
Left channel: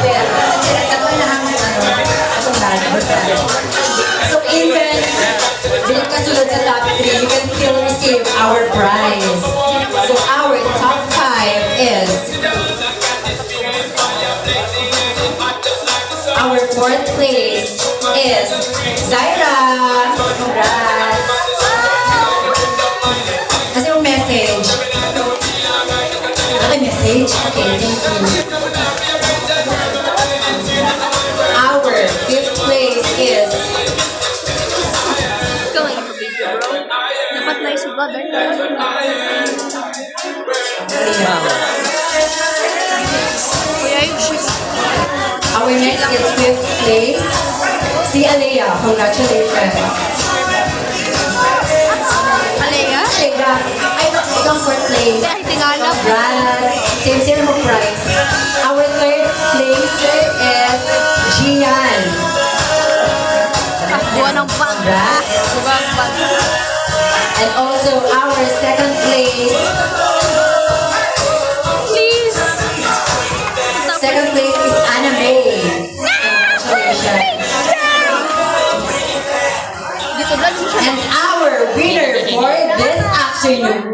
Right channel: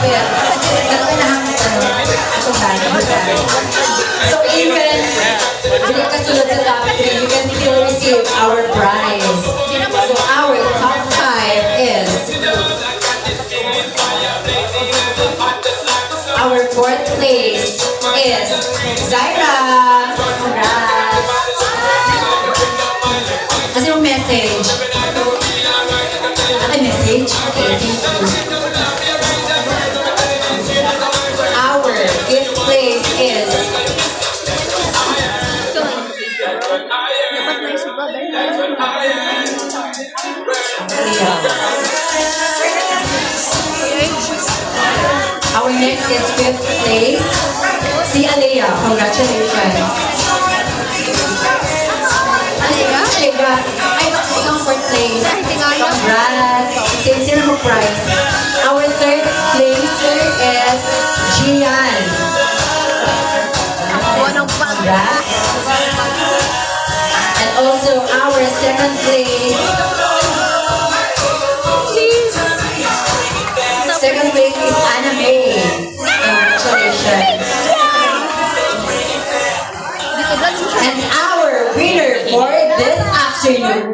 so even, bilang kasunod sa top 3, you can still receive our prize. So, our top 5 is, our 4th place is Zaira. Congrats. Kasi yung message. Ano message? Okay, thank you. Our 5th place is Wow. our next is 5th place. Si Alea. Congratulations. Alea? Alea. Ay, itong 4th place. Congrats. Sino mo prize? Our 3rd placer is Gian. Congrats. And also our 2nd place. 2nd place is Anna May. Congratulations. And our winner for this afternoon.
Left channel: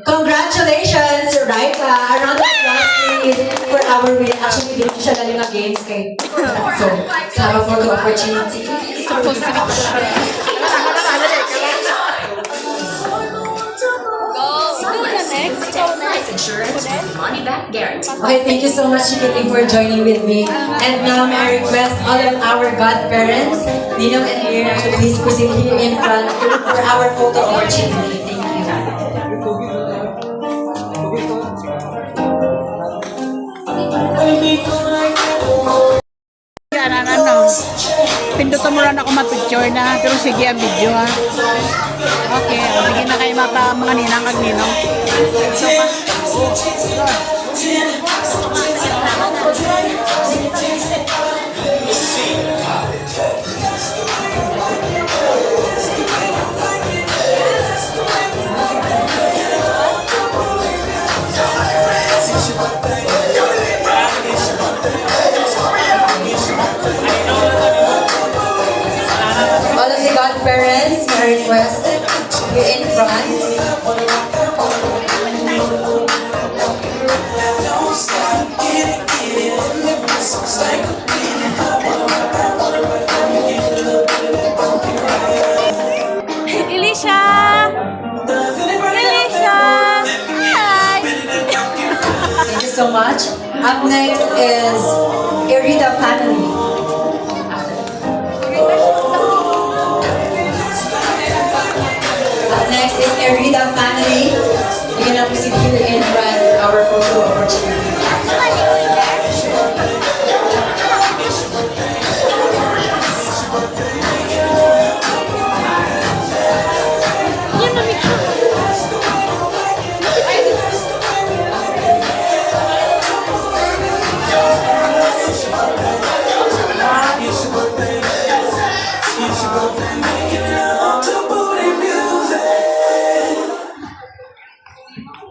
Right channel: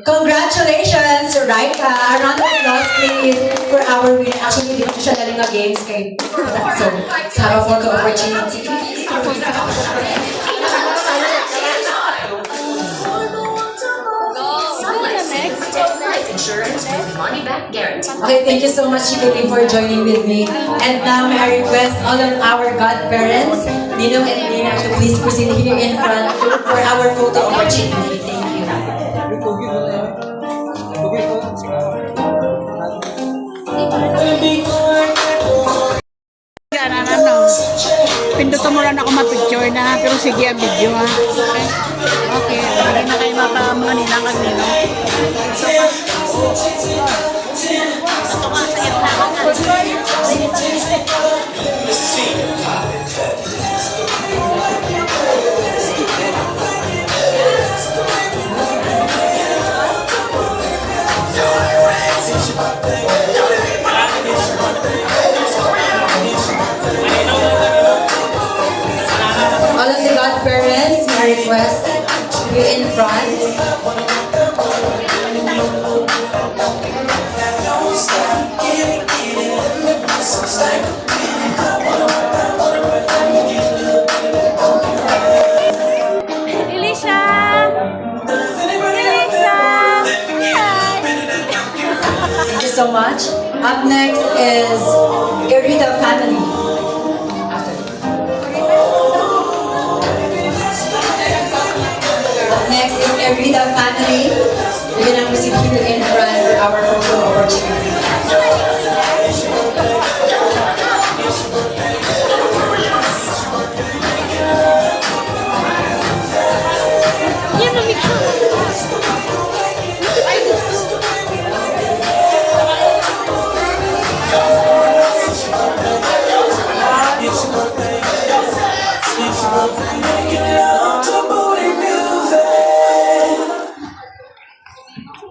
Congratulations, Raika. A round of applause, please, for our winner. Actually, dito siya galing against kay. So, Sarah for the opportunity. Okay, thank you so much, Chikiti, for joining with me. And now, may I request all of our godparents, Ninong and Rina, to please proceed here in front for our photo opportunity. Thank you. Yan, pindutan mo lang ako ma-picture na, pero sige ang video ha. Okay, hindi na kayo mapa mga ninang kag ninong. So, All of the godparents, may I request here in front. Elisha! Elisha! Hi! Thank you so much. Up next is Irida family. Up next is Irida family. You're gonna proceed here in front for our photo opportunity.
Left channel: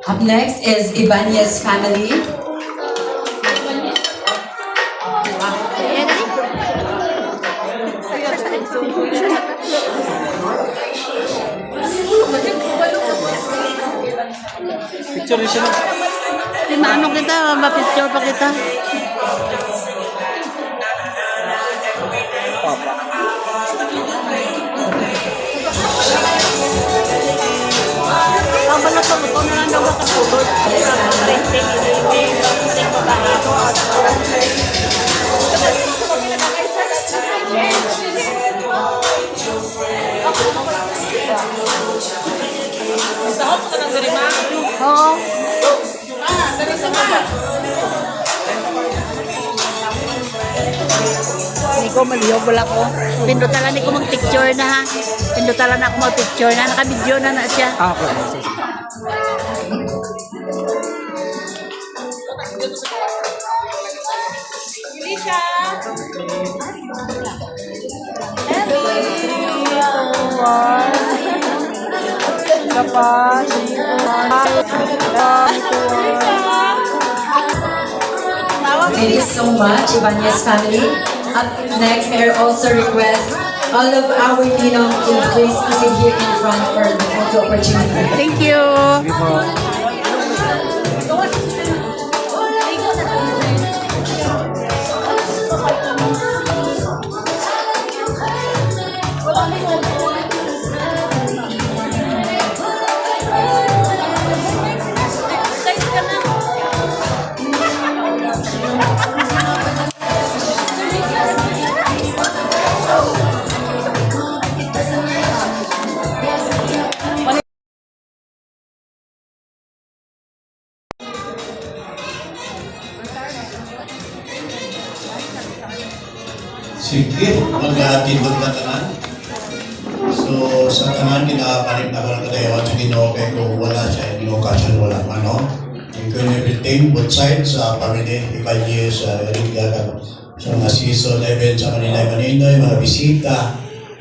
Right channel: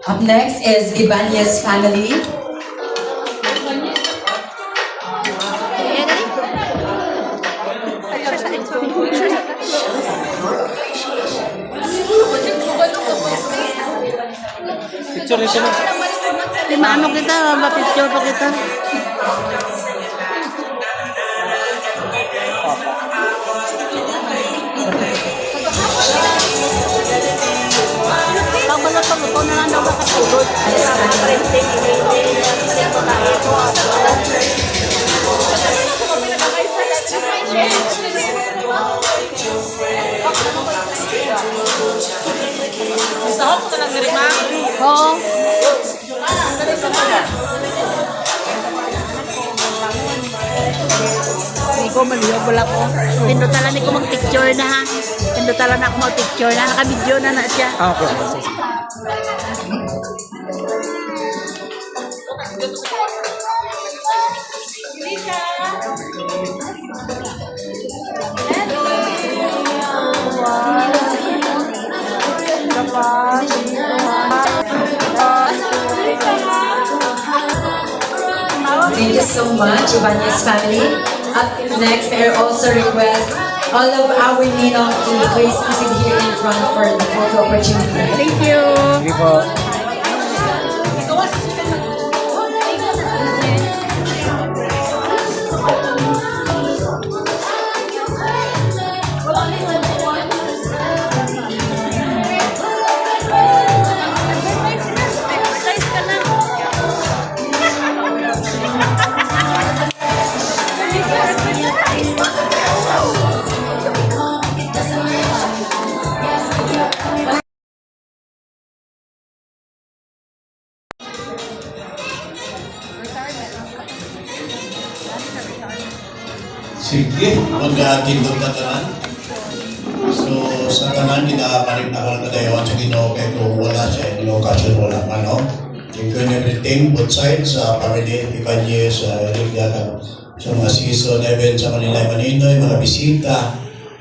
Up next is Ibanez family. Di maano kita, ma-picture pa kita. Kabalat pa mo to na lang daw nakatulog. Sahod ko na lang diri, ma. Oo. Hindi ko maliyog, wala ko. Pindutan lang ko mag-picture na ha. Pindutan lang ako mag-picture na. Naka-video na siya. Okay. Thank you so much, Ibanez family. Up next, may I also request all of our Ninong to please proceed here in front for the photo opportunity. Thank you. Sige po. Sige, mag-atindog na tanan. So, sa tanan, nila-parik na ka na tayo sa Ginoo kay kung wala sa inyo, kasi wala ano. Thank you and everything, both sides, sa family, Ibanez, sa Irigata, sa mga season event sa Manila, Maninoy, mga bisita,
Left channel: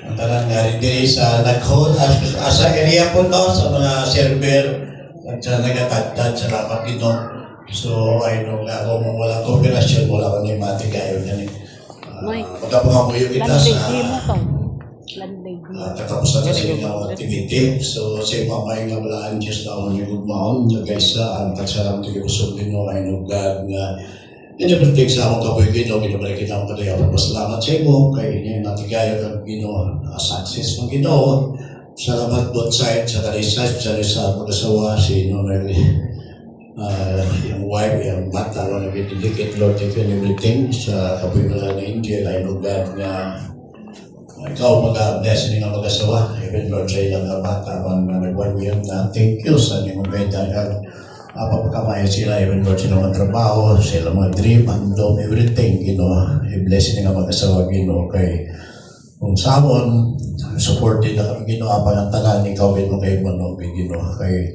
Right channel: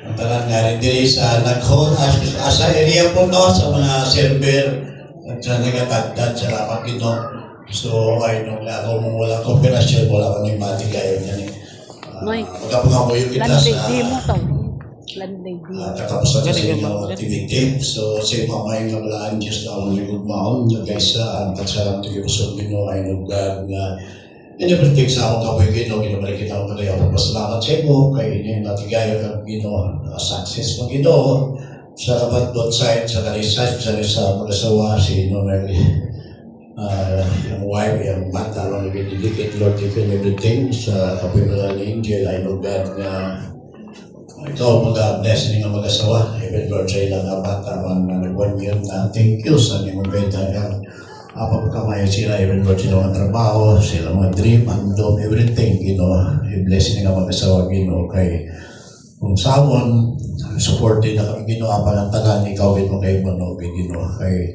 ang tanan nga rin diri sa nag-hold, sa area po no, sa mga server, at sa nagatagdad sa rapat dito. So, ay nung kung wala kooperasyon, wala kang imati kayo dyan eh. Magkapungamuyo kita sa katapusan sa inyong activity. So, sa mga may nablaan Diyos na ang ligod maon, na kaysa ang tagsalang tigipusog din ay nuglag nga Inabertig sa akong kapoy Gino, ginabalik kita ang kadayaw. Pasalamat sa imo, kay inyo natigayo kang Gino, success ng Gino. Salamat both sides, sa kalisas, sa mag-asawa, si Ino yung wife, yung bata, mga dikit, Lord, if and everything, sa kapimulan ni Angel, I know God nga ikaw mag-blessing nga mag-asawa, even Lord, sa ilang nga bata, mga nag-1 year na, thank you sa inyong benta nga, pagkamayan sila, even Lord, sila mga trabaho, sila mga dream, handom, everything, i-blessing nga mag-asawa, kay kung sawon, supported na kami, apa ng tanan, ikaw, kay Manog, kay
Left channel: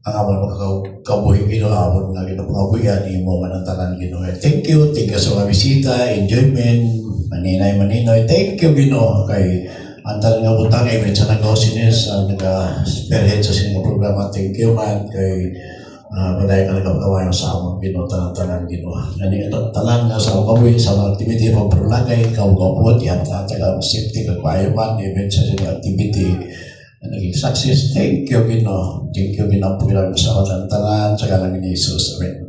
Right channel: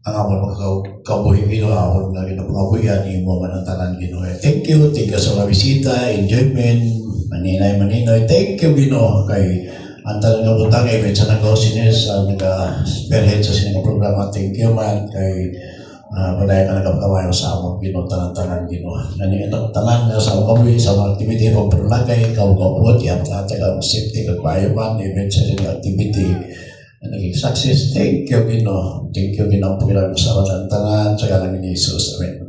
ang amon magkabuhi amon nga ginapangabuyan imo man ang tanan Ginoo. Thank you sa mga bisita, enjoyment, maninoy. Thank you Ginoo kay ang tanan nga butang even sa nag-osinis nag-spearhead sa sining programa. Thank you man kay balay ka nagkapatawan sa amon Ginoo tanan Ginoo. Nani ang tanan nga sa kabuhi sa mga activity pag prolagay ikaw gapot ya ang safety kag man even sa sining activity naging success. Thank you, Ginoo. Thank you, Ginoo, po ilang sa katantanan sa galang ni Jesus. Amen.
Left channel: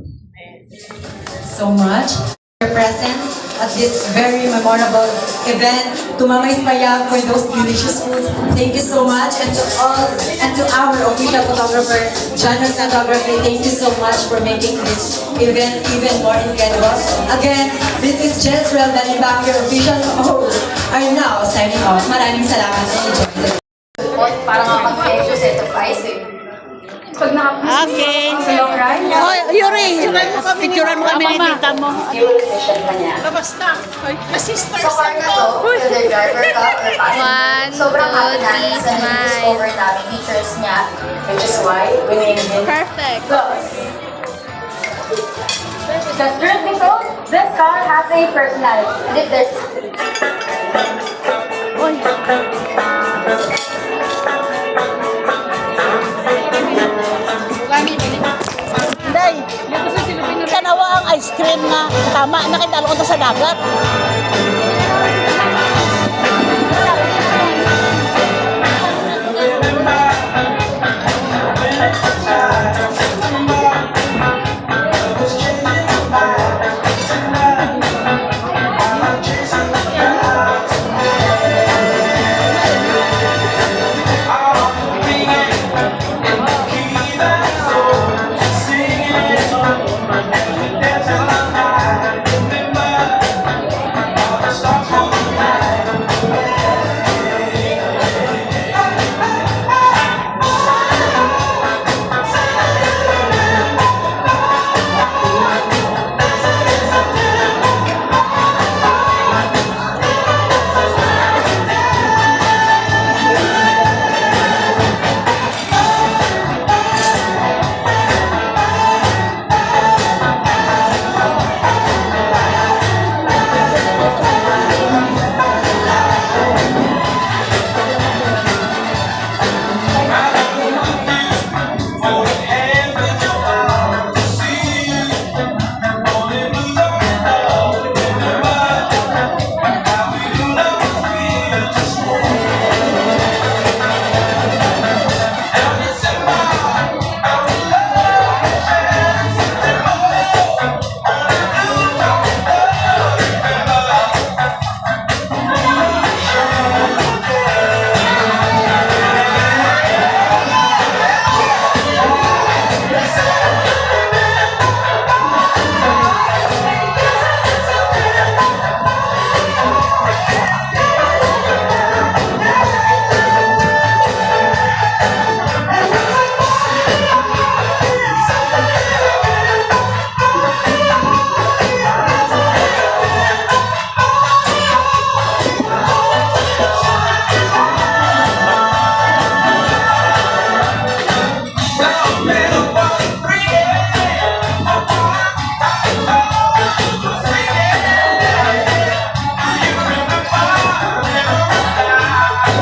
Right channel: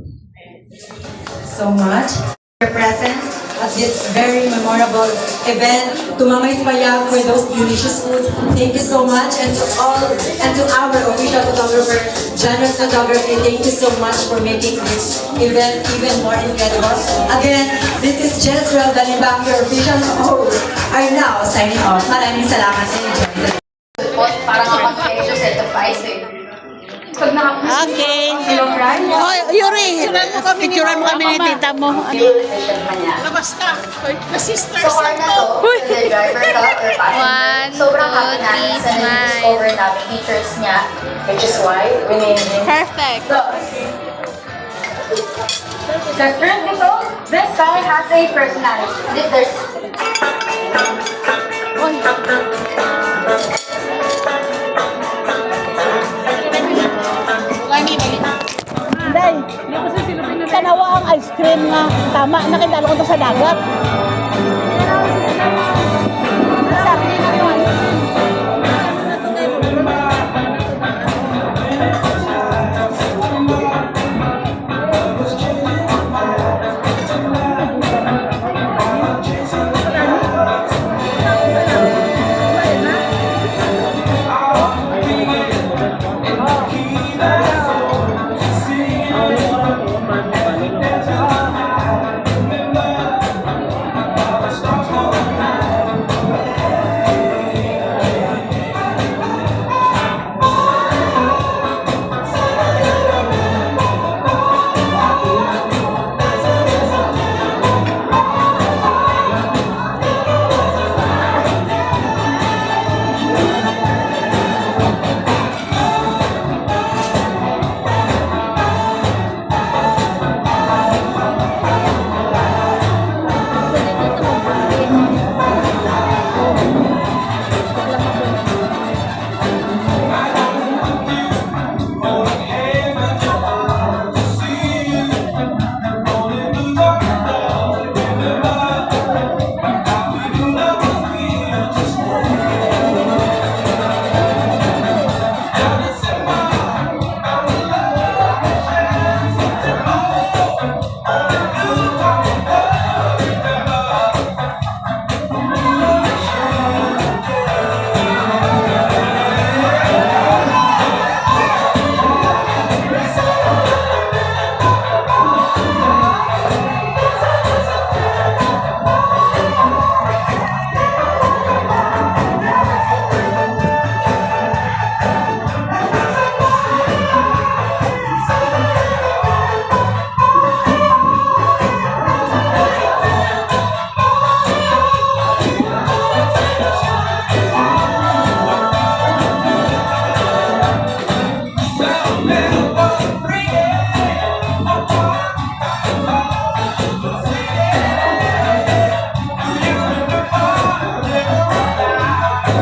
So much for your presence at this very memorable event. To Mama Isbaya for those delicious food. Thank you so much. And to all, and to our official photographer, Janus Photography, thank you so much for making this event even more incredible. Again, this is Jezreel Danibang, your official host. I'm now signing off. Maraming salamat and enjoy the Para makapag-exercise sa price eh. Pag Okay. sa long run, Oh, Yuri, picturean mo kami ni tita mo. Labas ka. May sisters So, ako. to the driver ka, 1, 2, 3, smile. over namin features niya, which is why we named him. Perfect. So, the truth be told, this car has a personality. If there's Day, tanawa ang ice cream nga. Tama, nakitalo ko to sa dagat.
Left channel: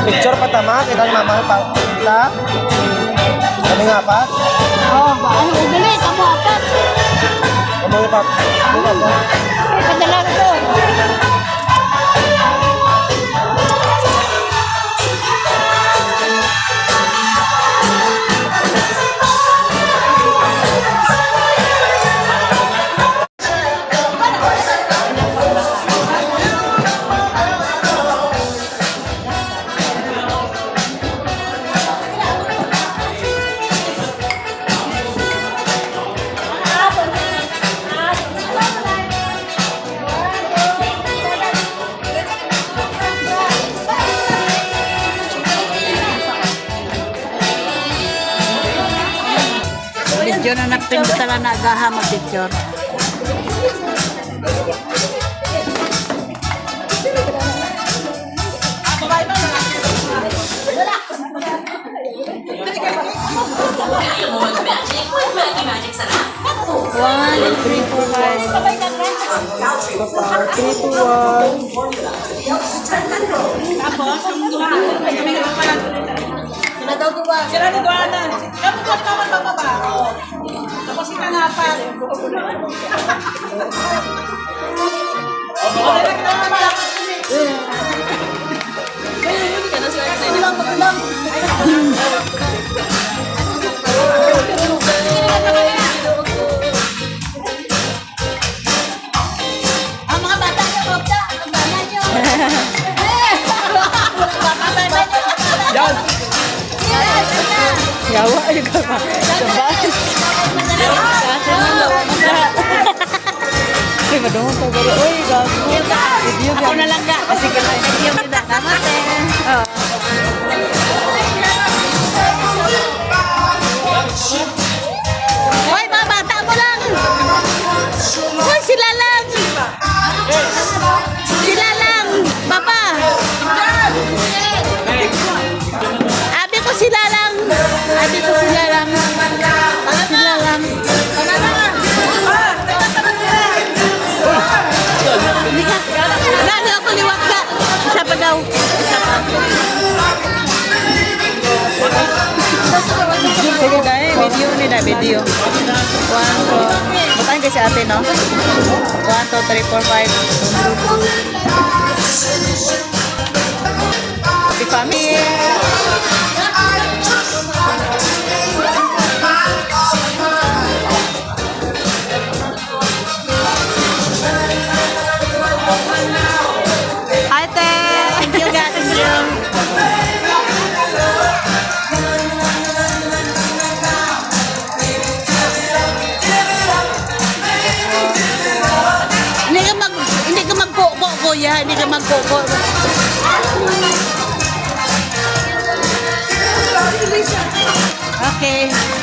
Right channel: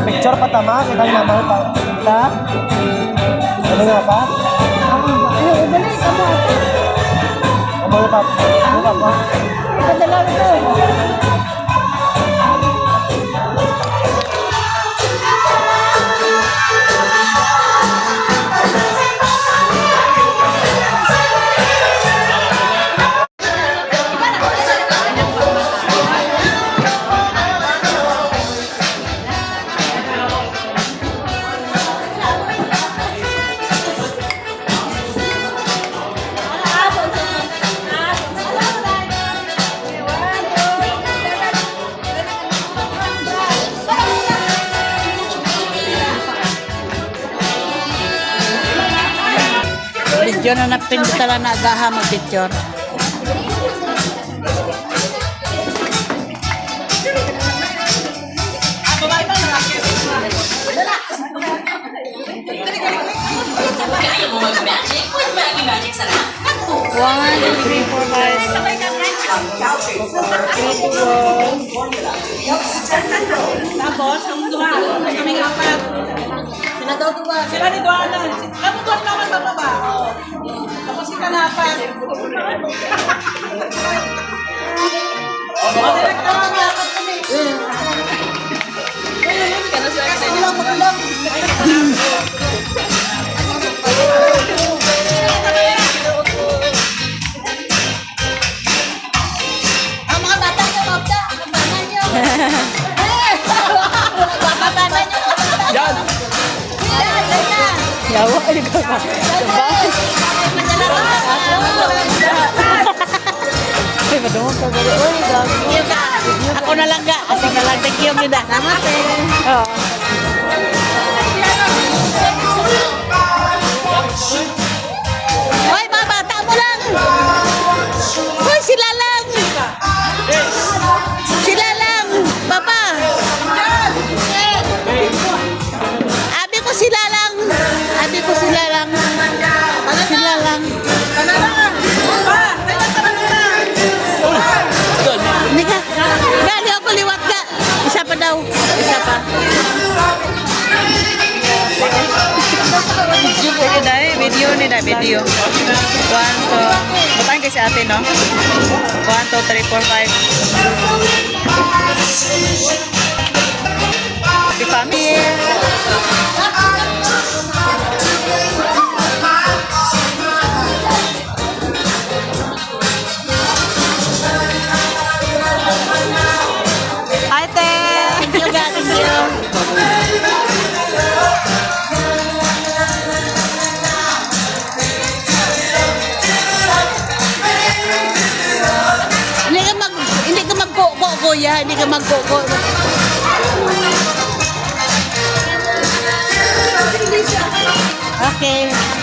Picture pa tama, kitang mama pa. Kita? Kami nga pa? Ay, udali, kamu ata. Kami nga pa. Padala ko. Video na napindutala na agaha mag-picture. One, two, three, four, five. Sila ni Duana. Eh, bukas naman bababa. Tapos si Kanapan. Yawa juga ba? Sabay. Uy, madungog ka gari. Uy, gago. Video Ako na lang ga. Kasi gano'n. Thank you, Mida. Namate. Oo. Hoy, mga bata mo lang. Hoy, sila lang. Sila lang. Papa. Abi ko sila lang. Abi ko sila lang. Abi sila lang. Hindi ka. Gani ako liwat ka. Isa pa daw. Isa pa. Ini dahil video ni dah video. 1, 2. Butang kasi ate no. 1, 2, 3, 4, 5. Happy family. Hi, Te. Thank you, God. Thank you. Hindi ka magkoko, kuya. Hindi ka magkoko. Okay.